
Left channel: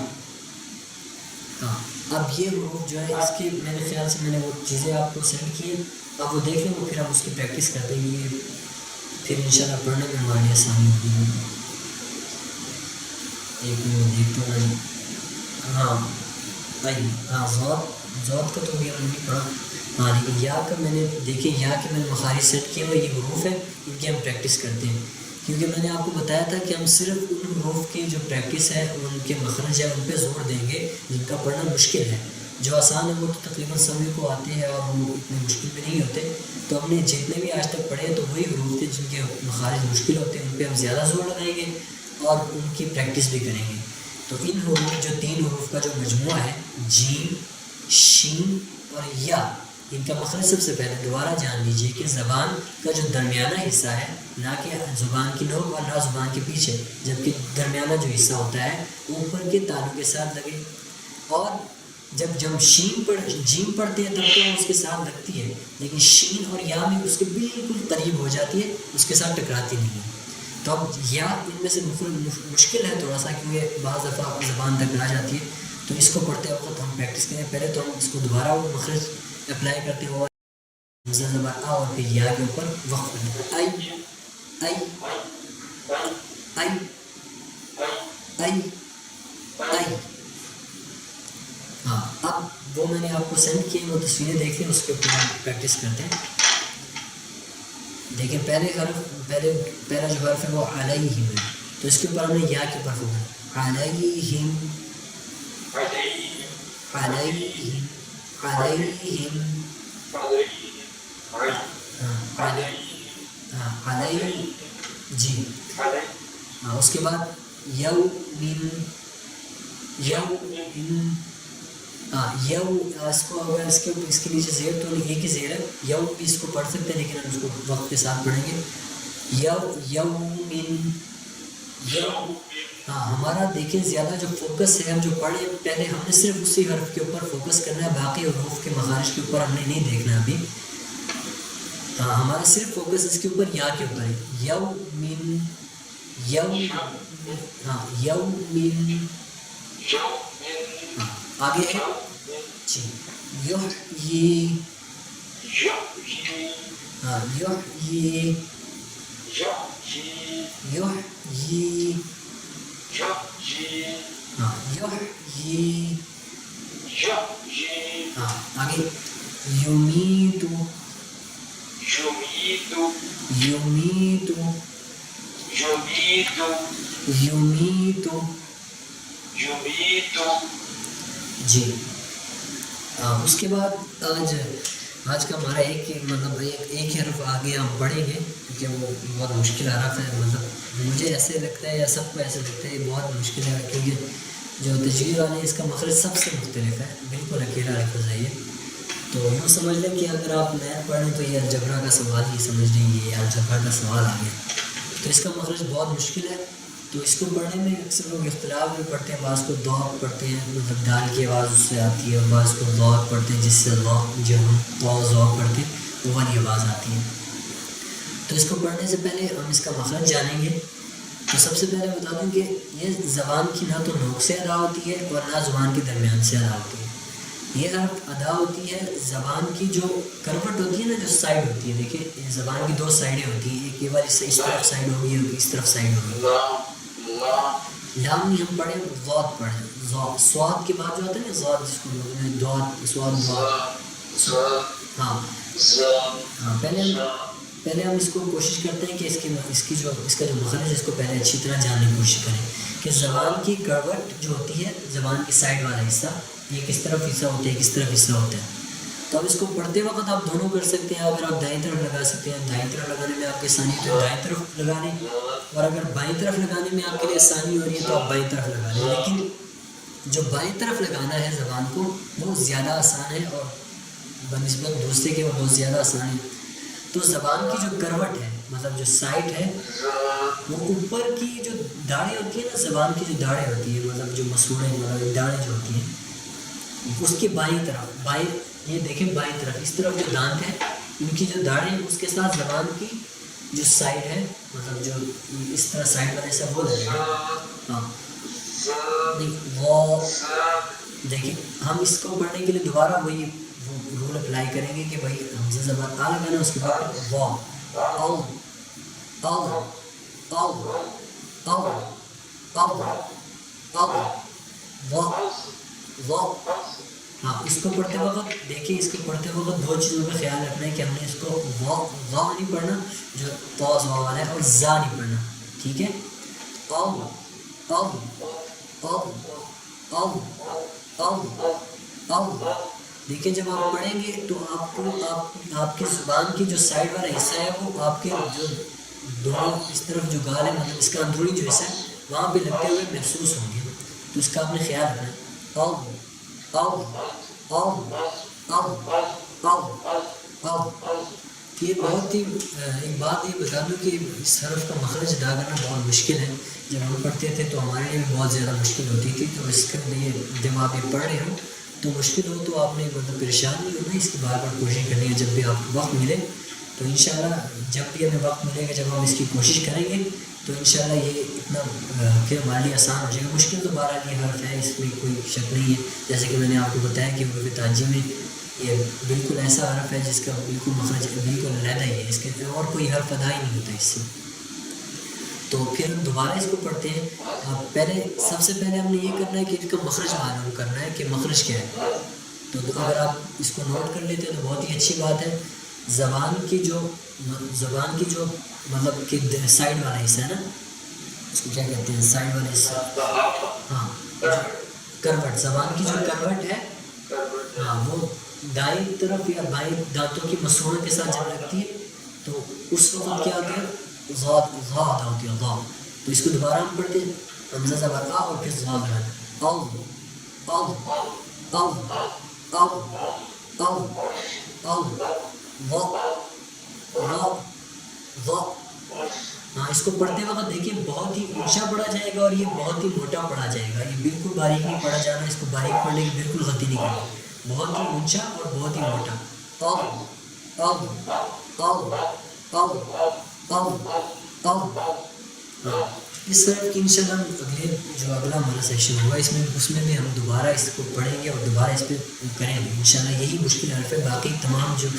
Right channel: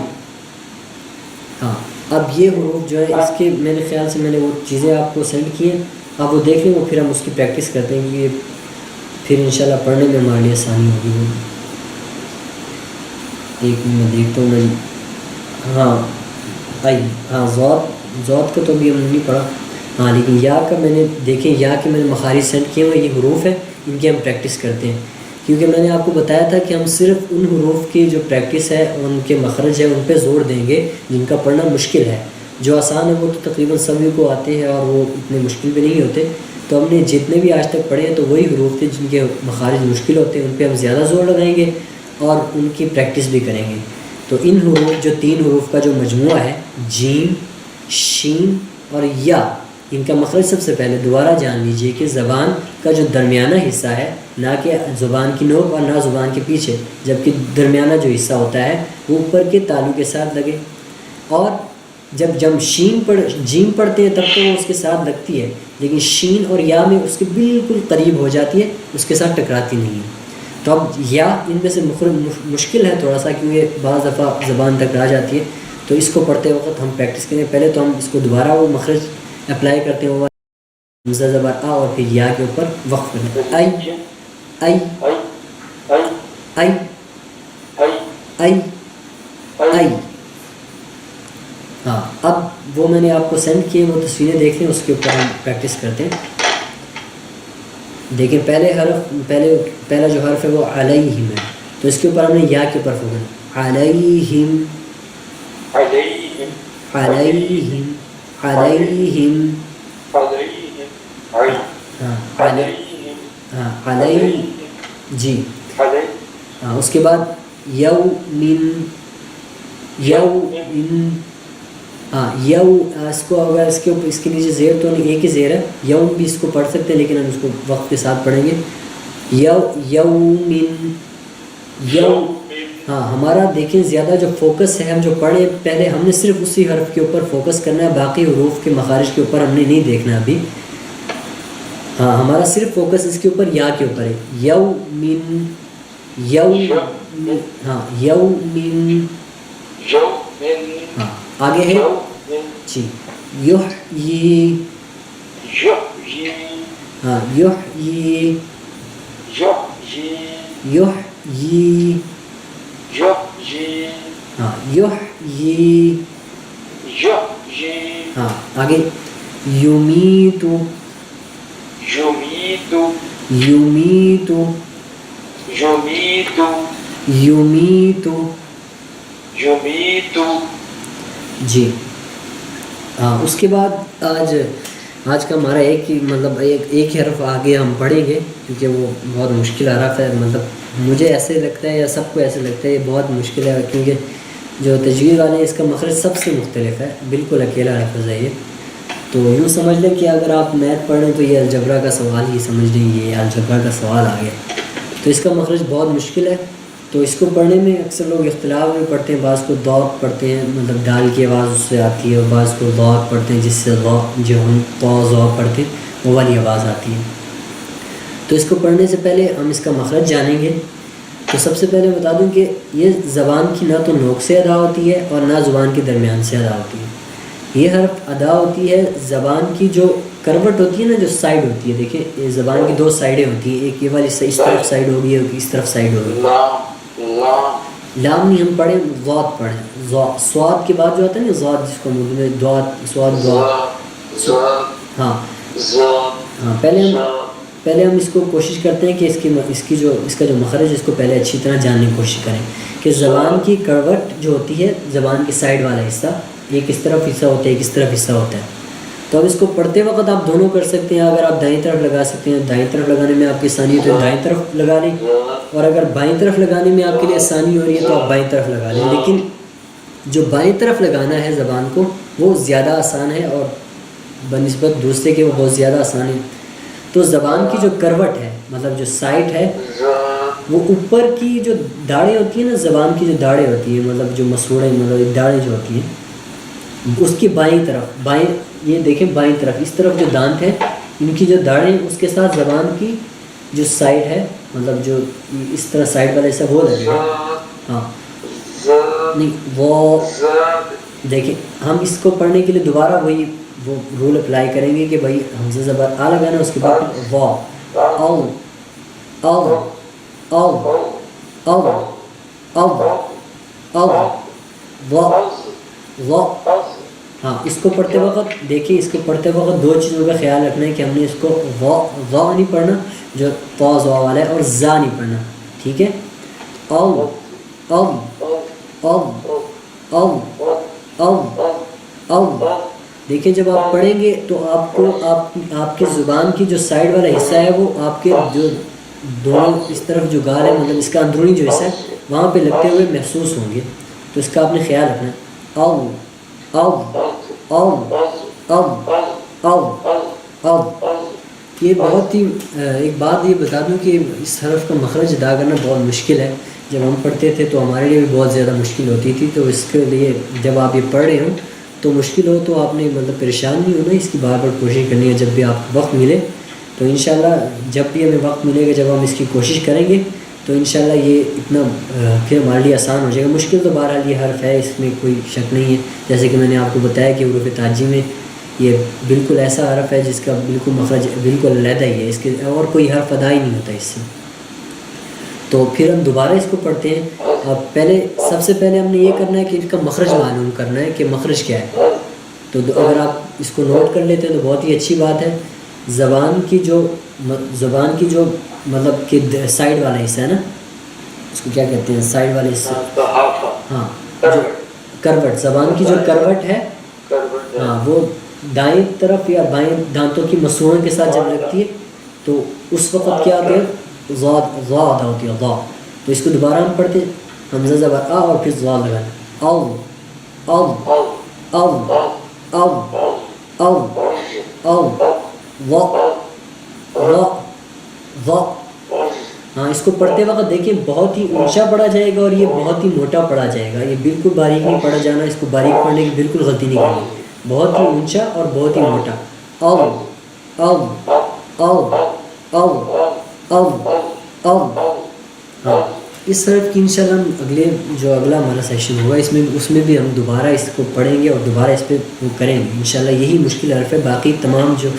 ہاں اب یہ حروف جو ہے اس کے میرے خیال سے میں نے وہ چیزیں آپ کو سینڈ کی ہیں، آپ وہ دیکھ لیں، وہ پھر ہم اس کی پریکٹس کرتے ہیں. یہ پھر انشاءاللہ پڑھنے میں ہمارے لیے آسانی ہوگی. ایک میں دیکھتا ہوں میں. ہاں آئی، ہاں ذات کا تو ابھی ہم نے نہیں پڑھا. ہاں لیکن یا کا میں نے دیکھیں، یا کے میں نے مخارج سینڈ کیے ہوئے، یہ حروف ہیں ان کی ہم پریکٹس کرتے ہیں. کیونکہ میں نے آپ کو بتایا تھا کہ ہم صرف ان حروف کی جو پریکٹس ہے، ان کے مخرج ہے، ان پہ زور دیں گے جن کا پڑھنا مشکل ہے. جو آسان ہے وہ تو تقریباً سبھی کو آتے ہیں اور وہ اتنے مشکل بھی نہیں ہوتے. تو ہم نے جتنے بھی آج تک پڑھے ہیں تو وہی حروف تھے جن کے مخارج مشکل ہوتے ہیں، ان پہ ہم زیادہ زور لگائیں گے اور ان کی پریکٹس بھی کریں گے. تو ان حروف، جو 3 حروف کا جو مجموعہ ہے، جیم، شین اور یا، ان کا مخرج سب سے پہلے دوبارہ جان لیجئے کہ زبان کا جو درمیانہ حصہ ہے، نہ کہ زبان کی نوک اور نہ زبان کے پیچھے، جبکہ درمیانہ جو حصہ ہوتا ہے وہ اوپر کے تالو کے ساتھ لگے. اور جب جیم پڑھتے ہیں تب تو وہ اس کے ساتھ لگتی ہے، لیکن شین اور یا میں اس کے بالکل قریب ہو جاتی ہے، اس کے ساتھ ٹکراتی نہیں ہے. تو اب یا ان میں سے مشکل ہے تھوڑا سا، کیونکہ بعض دفعہ زبان ٹکرا جاتی ہے. تو اس کو پڑھتے وقت ہم پریکٹس کریں. پہلے تو ہم اس کو دوبارہ وہ مخرج اپلائی کرتے ہیں، حمزہ زبر آ اور پھر یا کے اوپر وقف کرتے ہیں. آئی، آئی، آئی، آئی، آئی. ہاں اب وہ میں نے آپ کو سینڈ کیے، وہ تصویریں دیکھ لیں، اس کے اوپر ہم پریکٹس کرتے ہیں. دیکھیں پہلا جو حرف ہے وہ علیہم ہے، تو اس کے اوپر ہم نے یا کے اوپر فوکس، علیہم، علیہم، علیہم، ہاں علیہ، جی. ہاں اس کے بعد یومن، ہاں یو اس کو اگر اس کے نیچے زیر تو نہیں، ایک ہی زیر ہے، یوم بھی اس کو پڑھ سکتے ہیں لیکن ہم اس کو وقت کے ساتھ پڑھیں گے. یومن. ہاں ہمارا دیکھیں زیادہ جو فوکس ہے، ہم جو پڑھے پہلے ہم نے صرف اسی حرف کے اوپر فوکس کرنا ہے، باقی حروف کے مخارج کے اوپر ہم نے نہیں دیکھنا ابھی. ہاں ہمارا صرف فوکس اس کے اوپر یا کے اوپر ہے. یومن. ہاں یومن. ہاں آگے ہے جی یحیی. ہاں یحیی. یحیی. ہاں یحیی. ہاں آگے یمیتو. یمیتو. یمیتو. جی ہاں اس کے بعد آج کا ہمارا ایک ہی مطلب ایک حرف آگے ہم پڑھیں گے کیونکہ وہ بہت مشکل حرف ہے. مطلب مجھے ایسے لگتا ہے یا سب کو ایسے لگتا ہے یہ بہت مشکل ہے کیونکہ جو تجوید والے ہیں اس کا مخرج سب سے مختلف ہے، بالکل اکیلا لفظ ہے یہ. تو یوں سمجھ لیں کہ اگر آپ میتھ پڑھ رہے تو یہ الجبرا کا سوال ہی سمجھ لیں، یہ الجبرا کا سوال آ گیا. تو اس کا مخرج بہت مشکل ہے. تو اس کو پڑھنے میں اکثر لوگ اختلاف میں پڑھتے ہیں، بعض کو ضاد پڑھتے ہیں مطلب ڈال کی آواز اس سے آتی ہے، اور بعض کو ضاد پڑھتے ہیں جس سے جو ہم ضاد پڑھتے ہیں وہ والی آواز آتی ہے. تو اس کو پڑھنے سے پہلے ہم اس کا مخرج جانیں گے. تو سب سے پہلے بتا دوں کہ یہ زبان کی نہ تو نوک سے ادا ہوتی ہے اور نہ زبان کے درمیان سے ادا ہوتی ہے. یہ حرف ادا ہوتی ہے زبان کی جو کروٹ ہوتی ہے نا، جو سائڈ ہوتی ہے. دیکھیں زبان کی دو سائڈیں ہوتی ہیں، ایک یہ والی اس طرف سائڈ ہوگی ایک اس طرف سائڈ ہوگی. لام نہیں ہم پڑھیں، ضاد پڑھیں. سواد کے بعد جو آتا ہے نا ضاد، جس کو اردو میں دعات سواد دعات. ہاں ہاں پہلے ہم اس کو کوشش کرتے ہیں کہ اس کا جو مخرج ہے اس کو پہلے اچھی طرح جاننے کی کوشش کریں کہ زبان کی کروٹ جو ہوتی ہے، زبان کے سائڈ والا حصہ، ایک اس طرف حصہ ہوتا ہے ایک اس طرف حصہ ہوتا ہے. تو اب اس کو پڑھتے وقت آپ دونوں کر سکتے ہیں. اگر آپ دائیں طرف لگا سکتے ہیں، دائیں طرف لگانے میں آپ کی آسانی ہے تو دائیں طرف لگا لیں، اور اگر بائیں طرف لگانے میں آپ کے لیے آسانی ہو رہی ہے تو آپ بائیں طرف لگا لیں. لیکن جو بائیں طرف لگانا ہے زبان کو وہ زیادہ آسان ہے اور بنسبت دوسرے کے وہ بہت زیادہ آسان ہے. تو زبان کی جو کروٹ ہے مطلب جو سائڈ ہے، وہ اوپر کی جو داڑیں ہوتی ہیں نا، زبان کی جو داڑیں ہوتی ہیں مطلب جو مسوڑیں مطلب داڑیں جو ہوتی ہیں اس کی بائیں طرف، یہ دیکھیں بائیں طرف اس طرف جو دانت ہے ان کی جو داڑیں اس کے ساتھ زبان کی جو سائڈ ہے مطلب جو اس طرح سائڈ والا ایسا وہ لگے گا. ہاں نہیں وہ دیکھیں ہم اس کو پڑھنے کے لیے دوبارہ وہی وہ رول اپلائی کریں گے کہ بھائی حمزہ زبر آ لگانا، اس کے بعد وا او او او او او او وا. ہاں اس کو پڑھتے وقت دیکھیے، اس کو پڑھتے وقت دو چیزوں کا خیال رکھنا ہے کہ ہم نے اس کو وا نہیں پڑھنا جو پاز وا والا ہے، اور زا نہیں پڑھنا، ٹھیک ہے. او او او او او او. دیکھیں جب آپ پڑھیں گے تو آپ کو آپ کی زبان کی جو سائڈ والا حصہ ہے وہ آپ کے جو دونوں اس طرف جو گال ہے مطلب اس کا اندرونی جو حصہ ہے وہاں پہ لگتے ہوئے محسوس ہوں گے. تو اس کا آپ نے خیال رکھنا ہے. او او او او او او. یہ بہت ہی ایک بات یہ بتا دوں کہ اس حرف کا مخرج ادا کرنا بہت مشکل ہے. جب ہم پڑھتے تھے تو ہمارے لیے بھی بہت زیادہ مشکل ہوتی تھی. تو اس کے لیے جب آپ یہ پڑھ رہے ہوں تو مشکل ہو تو آپ نے مطلب پریشان نہیں ہونا، اس کی بار بار کوشش کرنی ہے. جب بھی آپ کو وقت ملے تو انشاءاللہ جب بھی ہمیں وقت ملے گا جب ہم اس کی کوشش کریں گے تو انشاءاللہ یہ اتنا پھر ہمارے لیے آسان ہو جائے گا. مشکل تو بہرحال یہ حرف ہے، اس میں کوئی شک نہیں ہے. جیسے کہ میں نے آپ کو بتایا کہ حروف تاجی میں یہ بالکل ایسا حرف ہے جس کا بالکل مخرج بالکل علیحدہ ہی ہے، اس کے اور کوئی حرف ادا ہی نہیں ہوتا اس سے. تو پھر ہم دوبارہ اس کو پڑھتے ہیں. اب سب سے پہلے ہم نے یہ کرنا ہے کہ اس کا مخرج معلوم کرنا ہے کہ مخرج کیا ہے. تو اگر آپ اس کو نوٹ کر لیتے ہیں تو بہت ہی اچھی بات ہے. زبان کی جو مطلب کہ سائڈ والا حصہ ہے نا، اس کو کیا کہتے ہیں سائڈ والے حصے، ہاں جو کروٹ، زبان کی جو کروٹ ہے ہاں وہ دائیں طرف یا بائیں دانتوں کی مسوڑوں کے ساتھ جب لگتی ہے تو اس وقت کیا ہوتا ہے ضاد ادا ہوتی ہے ضاد. تو اس کو دوبارہ ہم پڑھتے ہیں حمزہ زبر آ اور پھر ضاد لگانا. او او او او او او و و ہاں اس کو پڑھتے وقت دیکھیں بہت ہی اونچا پڑھا جائے گا اور یہ بہت ہی موٹا پڑھا جائے گا. یہ بالکل باریک نہیں پڑھا جانا, اس کو باریک پڑھنے کی بالکل غلطی نہیں کرنی. بہت ہی اونچا اور بہت ہی موٹا. او او او او او او. ہاں اس حرف کی انشاءاللہ ہم اگلا ہمارا سیشن ہوگا اس میں بھی ہم دوبارہ اس کو پڑھیں گے اور دوبارہ اس پہ کریں گے انشاءاللہ. یہی مشکل حرف ہے, باقی تمام جو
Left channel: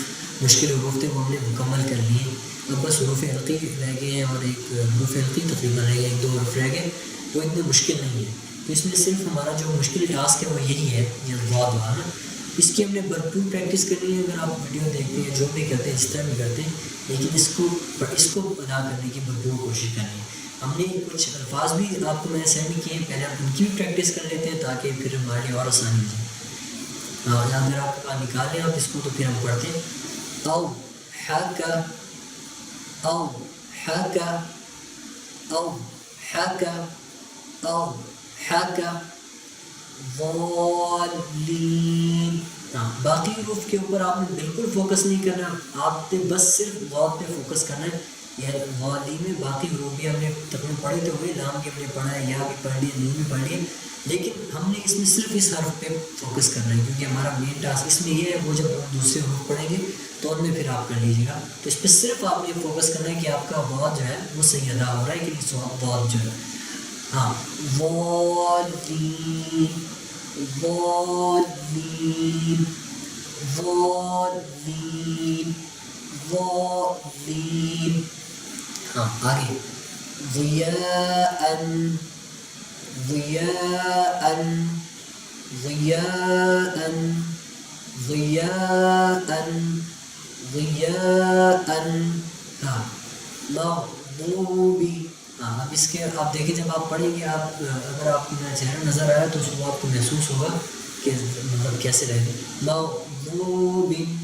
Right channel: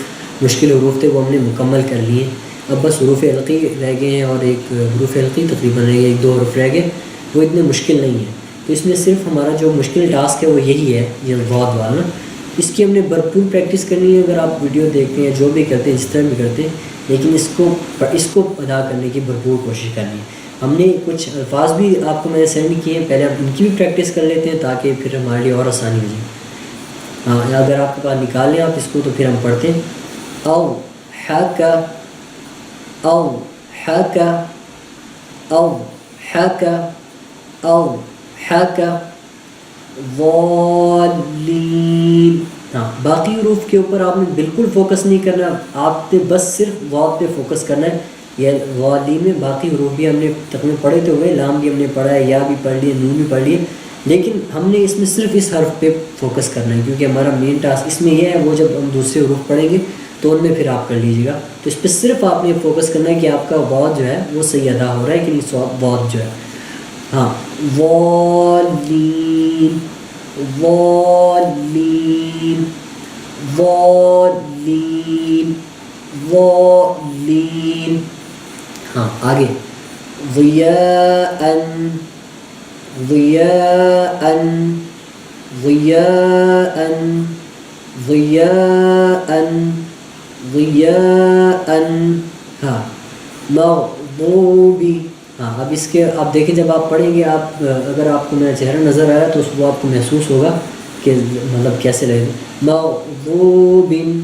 مشکل حروف تھے وہ ہم نے مکمل کر لیے. اب بس حروف علقی رہ گئے ہیں اور ایک حروف علقی تقریباً رہ گئے, ایک دو حروف رہ گئے, وہ اتنے مشکل نہیں ہیں. تو اس میں صرف ہمارا جو مشکل ٹاسک ہے وہ یہی ہے, یہ ضاد والا. اس کی ہم نے بھرپور پریکٹس کرنی ہے. اگر آپ ویڈیو دیکھتے ہیں جو بھی کرتے ہیں جس طرح بھی کرتے ہیں, لیکن اس کو ادا کرنے کی بھرپور کوشش کرنی ہے. ہم نے کچھ الفاظ بھی آپ کو میں نے سینڈ کیے ہیں, پہلے آپ ان کی بھی پریکٹس کر لیتے ہیں تاکہ پھر ہمارے لیے اور آسانی ہو جائے. ہاں اگر آپ کے پاس نکال لیں آپ اس کو تو پھر ہم پڑھتے ہیں. او حکا او حکا او حکا او حکا ضالین. ہاں باقی حروف کے اوپر آپ نے بالکل فوکس نہیں کرنا, آپ نے بس صرف واو پہ فوکس کرنا ہے. یہ ضالین میں باقی حروف بھی ہم نے تقریباً پڑھے تو ہوئے, لام بھی ہم نے پڑھا ہے, یا بھی پڑھ لیے, نون بھی پڑھ لیے, لیکن ہم نے اس میں صرف اس حرف پہ فوکس کرنا ہے کیونکہ ہمارا مین ٹاسک اس میں یہ ہے. وہ جب ہم دوسرے حروف پڑھیں گے تو ان میں پھر آپ کر لیجیے گا. تو اس پہ صرف آپ نے فوکس کرنا ہے کہ آپ کا واو جو ہے وہ صحیح ادا ہو رہا ہے کہ نہیں. واو جو ہے ہاں والین والین والین والین. ہاں آگے ضیاءً ضیاءً ضیاءً ضیاءً ضیاءً. ہاں مغضوبی. ہاں اب اس کے آپ دیکھیں جب آپ پڑھیں گے, آپ اگر آپ کو میرا چہرہ نظر آیا تو اس کو آپ کو محسوس ہوگا کہ مطلب کیسے رہے گا. مغضوبن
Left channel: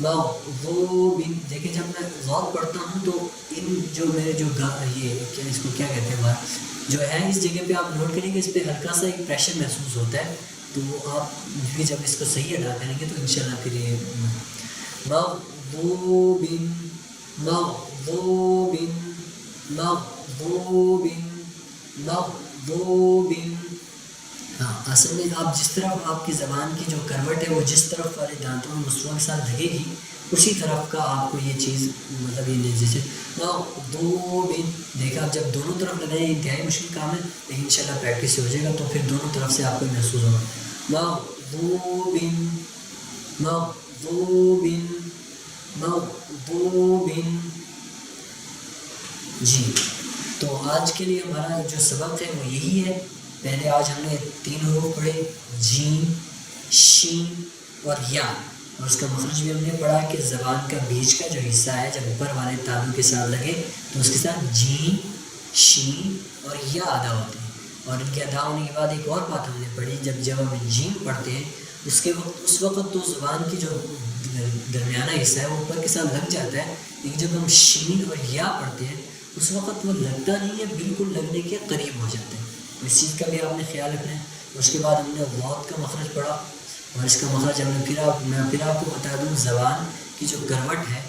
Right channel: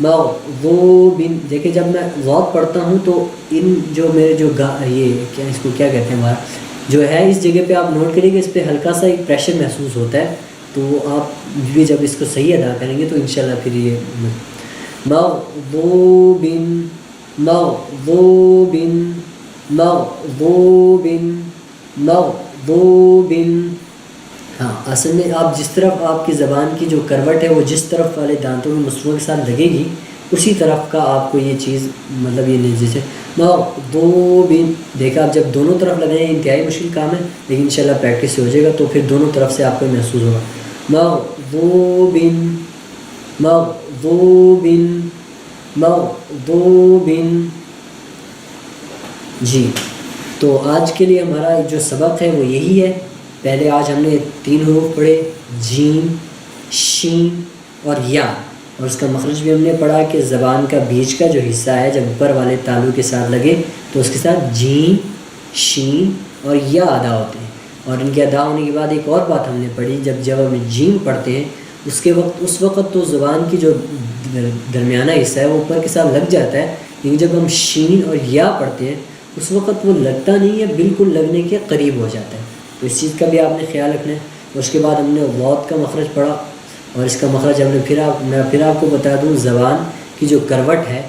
مغضوبن. دیکھیں جب میں ضاد پڑھتا ہوں تو ان جو میرے جو یہ کیا اس کو کیا کہتے ہیں ہمارا جو ہے اس جگہ پہ آپ نوٹ کریں گے, اس پہ ہلکا سا ایک پریشر محسوس ہوتا ہے. تو آپ بھی جب اس کو صحیح ادا کریں گے تو انشاءاللہ پھر یہ مغضوبن مغضوبن مغضوبن مغضوبن. ہاں اصل میں آپ جس طرف آپ کی زبان کی جو کروٹ ہے وہ جس طرف والے دانتوں میں مسرور کے ساتھ لگے گی اسی طرف کا آپ کو یہ چیز مطلب یہ نہیں. جیسے مغضوبن دیکھا آپ جب دونوں طرف لگائیں انتہائی مشکل کام ہے, لیکن انشاءاللہ پریکٹس سے ہو جائے گا تو پھر دونوں طرف سے آپ کو محسوس ہوگا. مغضوبن مغضوبن مغضوبن. جی تو آج کے لیے ہمارا جو سبق ہے وہ یہی ہے. پہلے آج ہم نے 3 حروف پڑھے, جیم شین اور یا, اور اس کا مخرج بھی ہم نے پڑھا کہ زبان کا بیچ کا جو حصہ ہے جب اوپر والے تالو کے ساتھ لگے تو اس کے ساتھ جیم شین اور یا ادا ہوتے ہیں. اور ان کے ادا ہونے کے بعد ایک اور بات ہم نے پڑھی, جب ہم جیم پڑھتے ہیں اس وقت تو زبان کی جو درمیانہ حصہ ہے وہ اوپر کے ساتھ لگ جاتا ہے, لیکن جب ہم شین اور یا پڑھتے ہیں اس وقت وہ لگتا نہیں ہے, بالکل لگنے کے قریب ہو جاتا ہے. تو اس چیز کا بھی آپ نے خیال رکھنا ہے. اس کے بعد ہم نے ضاد کا مخرج پڑھا, اور اس کا مخرج ہم نے میں پھر آپ کو بتا دوں, زبان کی جو کروٹ ہے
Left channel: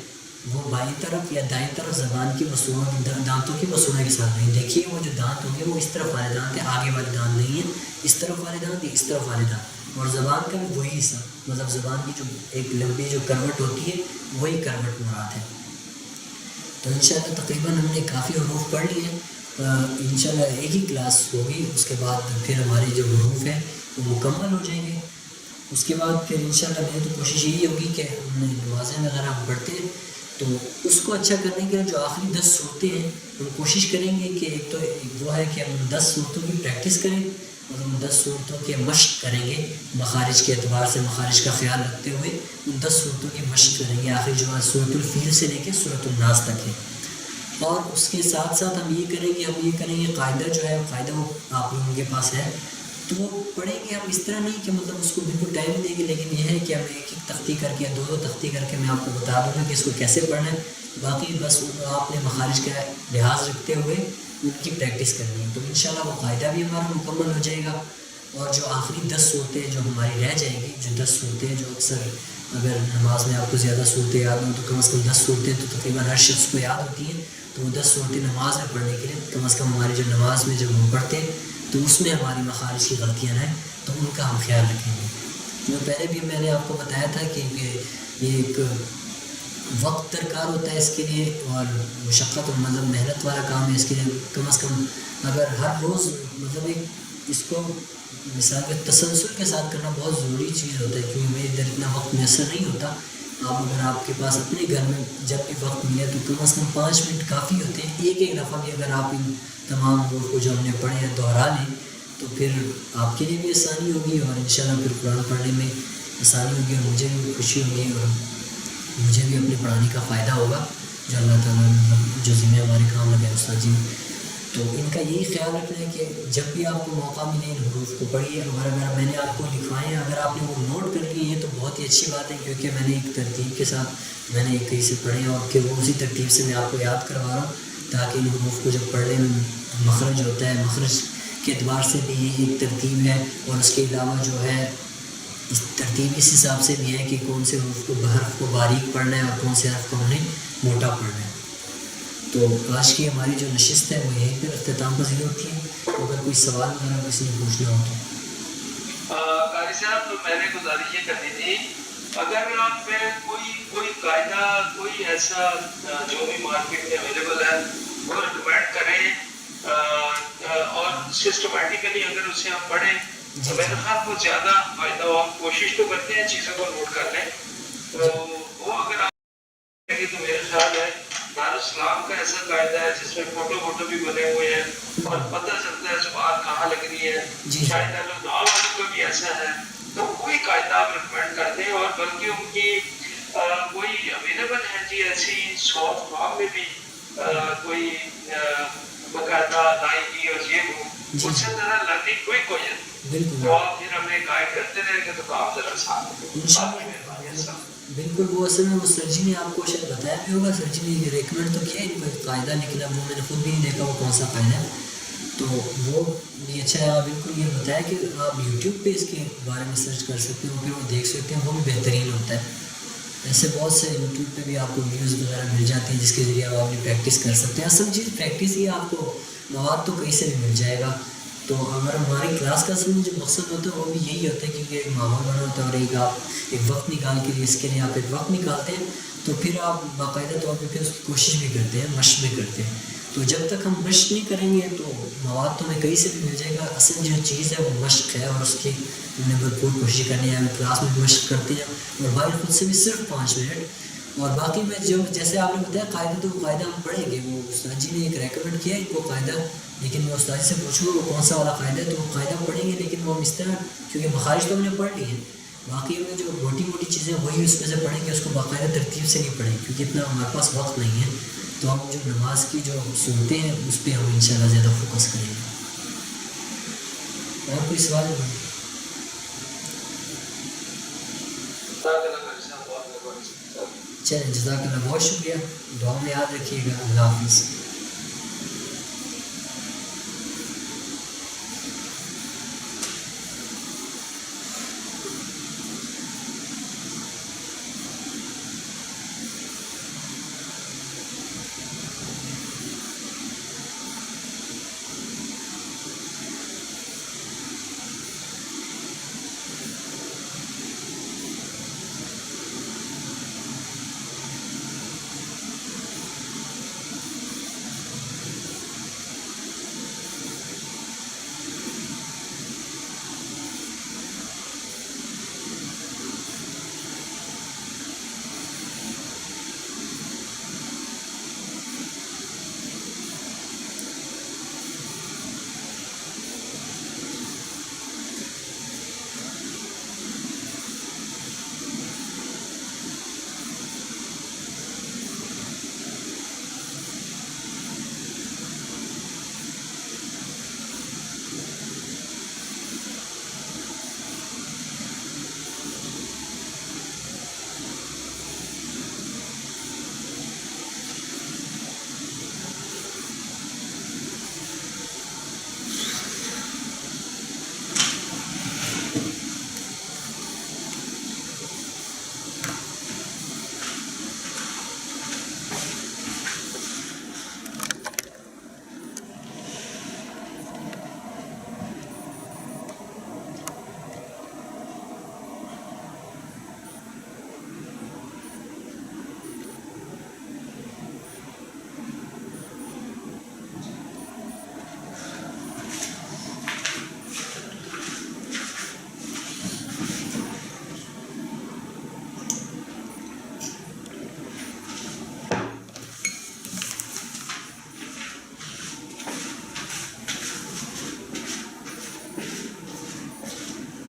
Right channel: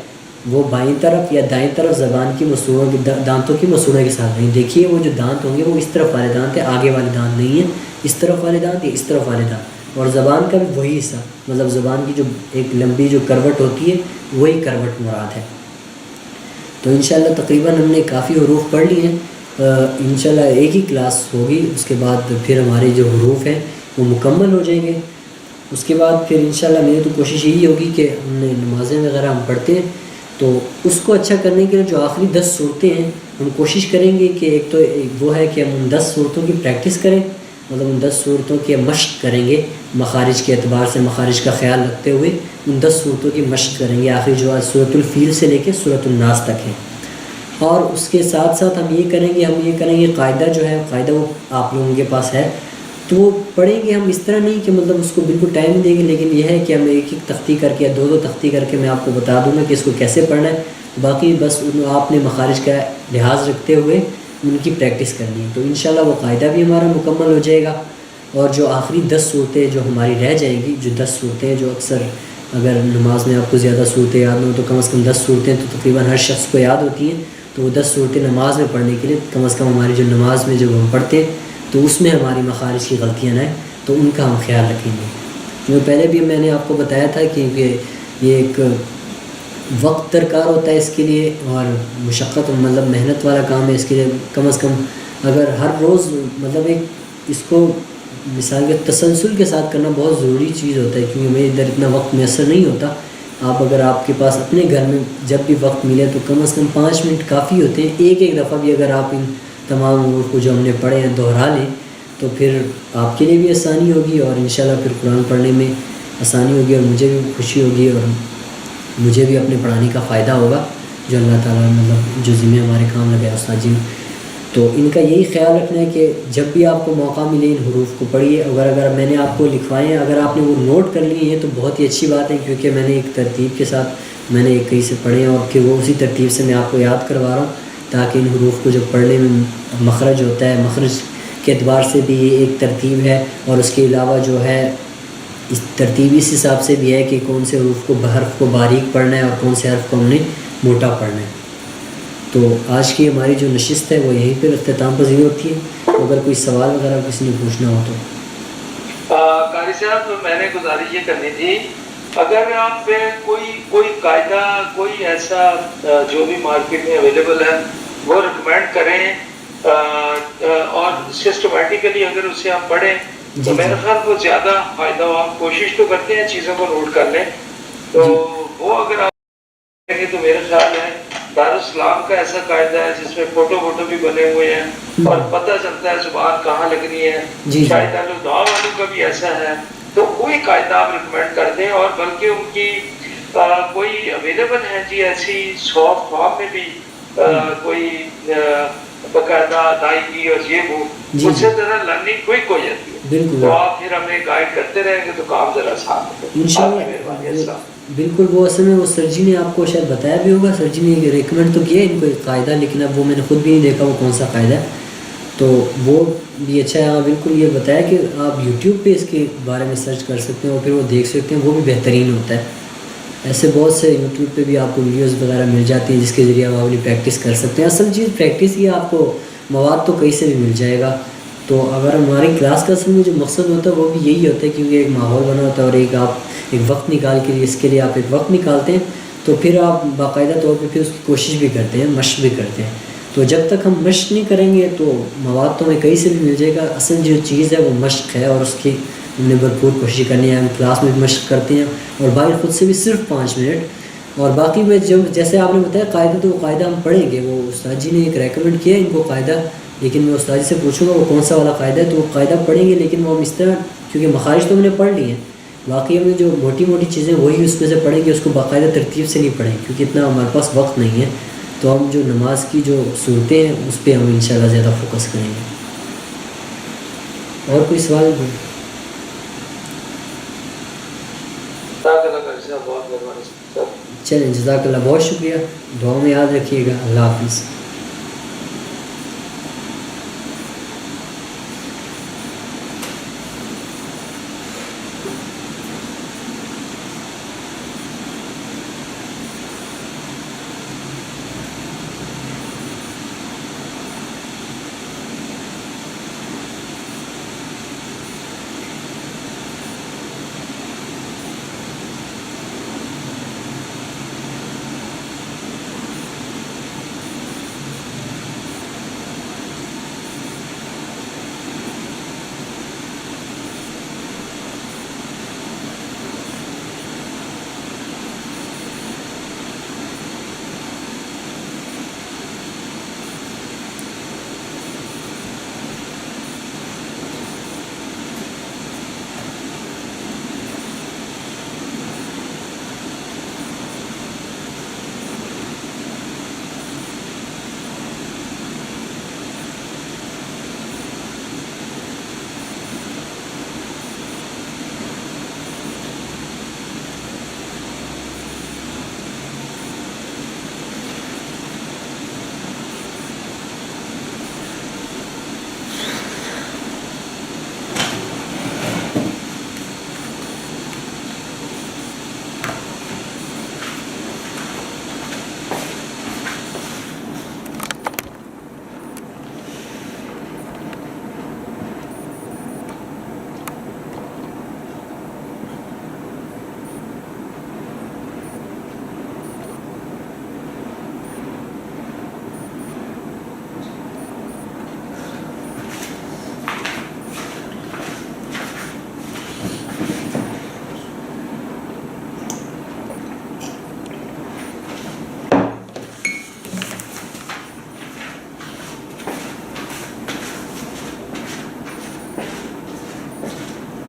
وہ بائیں طرف یا دائیں طرف زبان کی مسوڑوں کی دانتوں کی مسوڑوں کے ساتھ نہیں. دیکھیے وہ جو دانت ہوں گے وہ اس طرف والے دانت ہیں, آگے والے دانت نہیں ہیں. اس طرف والے دانت یا اس طرف والے دانت, اور زبان کا بھی وہی حصہ مطلب زبان کی جو ایک لمبی جو کروٹ ہوتی ہے وہی کروٹ مراد ہے. تو انشاءاللہ تقریباً ہم نے کافی حروف پڑھ لیے ہیں. انشاءاللہ ایک ہی کلاس ہوگی, اس کے بعد پھر ہمارے جو حروف ہیں وہ مکمل ہو جائیں گے. اس کے بعد پھر انشاءاللہ میری تو کوشش یہی ہوگی کہ ہم نے نمازیں وغیرہ ہم پڑھتے ہیں تو اس کو اچھا کرنے کے لیے جو آخری 10 صورتیں ہیں ہم کوشش کریں گے کہ ایک تو وہ ہے کہ ہم ان 10 صورتوں کی پریکٹس کریں, مطلب ان 10 صورتوں کی مشق کریں گے مخارج کے اعتبار سے, مخارج کا خیال رکھتے ہوئے ان 10 صورتوں کی مشق کریں گے. آخری جو ہے سورۃ الفیل سے لے کے سورۃ الناس تک ہے. اور اس کے ساتھ ساتھ ہم یہ کریں گے قاعدہ جو ہے قاعدہ وہ آپ لوگوں کے پاس ہے تو وہ پڑھیں گے ہم اس طرح نہیں کہ مطلب اس کو بالکل ٹائم دیں گے, لیکن یہ ہے کہ ہم ایک تختی کر کے یا 2 تختی کر کے میں آپ کو بتا دوں گا کہ اس کو کیسے پڑھنا ہے. باقی بس آپ نے مخارج کا لحاظ رکھتے ہوئے ان کی پریکٹس کرنی ہے. تو انشاءاللہ وہ قاعدہ بھی ہمارا مکمل ہو جائے گا. اور جو آخری 10 صورتیں جو ہماری رہ جائیں گی، جو 10 صورتیں جو اکثر اگر نماز میں آپ کو زیادہ صورتیں یاد نہ ہو تو کم از کم 10 صورتیں تو تقریباً ہر شخص کو یاد ہوتی ہیں، تو وہ 10 صورتیں نماز میں پڑھنے کے لیے کم از کم ہماری جو نماز میں جب ہم پڑھتے ہیں تو اس میں ہماری مخارج کی غلطیاں نہ ہیں، تو ان کا ہم خیال رکھیں گے. جو پہلے بھی میں نے آپ کو بتایا تھا کہ یہ ایک وقت درکار ہوتا ہے اس کے لیے، اور مشقت مطلب محنت والا کام ہے. اس کے لیے کم از کم اگر ہر روز مطلب ایک اس کو مثال کے تسلسل کے ساتھ کرنا بہت ضروری چیز ہوتا ہے، کیونکہ ہمیں ادھر اتنا وقت میسر نہیں ہوتا. آپ اگر آپ کے پاس اپنے گھر میں جب بھی وقت ملے تو کم از کم 5 منٹ کافی ہوتے ہیں. ایک دفعہ بھی اگر آپ ان تمام امور کو جو ہم نے پڑھے ہیں دہرا لیں تو پھر آپ کے لیے بھی آسانی ہوگی، اور انشاءاللہ پھر قرآن پڑھنے میں آسانی ہوگی، اور مجھے بھی خوشی ہوگی، اور مجھے بھی اپنے پڑھانے کا فائدہ ہوگا جو اللہ تعالیٰ مطلب جو ذمہ ہمارے کام لگے استاد جی. تو ان کا یہی خیال رکھنا ہے کہ جب بھی آپ کو موقع ملے ان حروف کو پڑھیے. اگر میں نے آپ کو لکھوائے ہیں، اگر آپ نے وہ نوٹ کر لیے ہیں تو بہت ہی اچھی بات ہے، کیونکہ میں نے ایک ترتیب کے ساتھ میں نے ایک کہیں سے پڑھے ہیں، اور پھر وہ اسی ترتیب سے میں آپ کو یاد کروا رہا ہوں تاکہ ان حروف کو جب پڑھنے میں مخرج ہوتا ہے، مخرج کے اعتبار سے بھی یہ ایک ترتیب ہے، اور اس کے علاوہ جو ہے اس ترتیب اس حساب سے بھی ہے کہ کون سے حروف کو حرف کو باریک پڑھنا ہے اور کون سے حرف کو ہم نے موٹا پڑھنا ہے. تو آج کی ہماری جو نشست ہے وہ یہیں پر اختتام پذیر ہوتی ہے. اگر کوئی سوال وغیرہ کسی نے پوچھنا ہو تو قاری صاحب میں نے گزارش یہ کرنی تھی، اگر آپ کوئی قاعدہ کوئی ایسا جو بھی مارکیٹ میں اویلیبل ہے وہ ریکمینڈ کریں اور سسٹمیٹیکلی اگر اسے آپ پڑھیں تو میرے خیال کو زیادہ فائدہ ہو. آپ کوشش تو کرتے ہیں چیزوں کو نوٹ کر لیں، تو وہ اگر آپ کریں تو میرے خیال ہے دارالاسلام کا ایسا قاعدہ ہے جس میں فوٹو بھی بنے ہوئے ہیں اور پتہ چلتا ہے زبان کہاں لگ رہی ہے. شاید دعا والوں کا بھی ایسا ہے، تو کوئی قاعدہ آپ ریکمینڈ کر دیں. اور بلکہ ان کی کوئی اویلیبل ہے جی ایسی سافٹ کاپی بھی کوئی باقاعدہ ادائیگی اور یہ وہ اس سے ذرا لرننگ کوئک ہو جاتی ہے، تو آپ پھر ہمیں گائیڈ کرتے رہیں گے تو کام ذرا آسان ہوگا. بالکل. وہ اصل میں وہ سر جی نے آپ کو شاید بتایا بھی ہوگا، سر جی نے ریکمینڈ تو کیا ان کو ایک قاعدہ، لیکن اب وہ میں نے خود بھی نہیں دیکھا وہ کون سا قاعدہ ہے، تو وہ بھی اچھا ہے. ہاں بالکل، یہ بتایا کہ آپ یوٹیوب پہ اس کے بارے میں سرچ کر سکتے ہیں اور پھر وہ دیکھ سکتے ہیں، وہ بھی بہترین ہوتا ہے. ایسے بہت سے یوٹیوب پہ بھی آپ کو ویڈیوز وغیرہ مل جاتی ہیں جس کے ذریعے آپ اپنی پریکٹس کر سکتے ہیں. اصل چیز پریکٹس ہی، آپ کو مواد تو کہیں سے بھی مل جائے گا. تو اگر ہماری کلاس کا اصل میں جو مقصد ہوتا ہے وہ بھی یہی ہوتا ہے، کیونکہ ایک ماحول بنا ہوتا ہے اور آپ ایک وقت نکال کے اس کے لیے آپ ایک وقت نکالتے ہیں، تو پھر آپ باقاعدہ طور پہ پھر اس کی کوشش بھی کرتے ہیں، مشق بھی کرتے ہیں. تو جب تک ہم مشق نہیں کریں گے تو مواد تو ہمیں کہیں سے بھی مل جائے گا. اصل جو چیز ہے وہ مشق ہے، اور اس کی ہم نے بھرپور کوشش کرنی ہے. ہم کلاس میں بھی مشق کرتے ہیں اور باہر خود سے بھی صرف 5 منٹ. اور باقی میں جو جیسے آپ نے بتایا قاعدہ، تو وہ قاعدہ ہم پڑھیں گے. وہ استاد جی نے ایک ریکمینڈ کیا ان کو قاعدہ، لیکن میں استاد جی سے پوچھوں گا وہ کون سا والا قاعدہ ہے، تو وہ قاعدہ پڑھیں گے. لیکن وہ ہم اس طرح، کیونکہ مخارج تو ہم نے پڑھ لی ہیں، باقی ہمیں جو موٹی چیزیں وہی اس میں سے پڑھیں گے، اس کو باقاعدہ ترتیب سے نہیں پڑھیں، کیونکہ اتنا ہمارے پاس وقت نہیں ہے. تو ہم جو نماز کی جو صورتیں ہیں اس پہ ہم انشاءاللہ زیادہ فوکس کریں گے. اور کوئی سوال؟ چلیں، جزاک اللہ، بہت شکریہ. دعا میں یاد رکھیے گا. اللہ حافظ.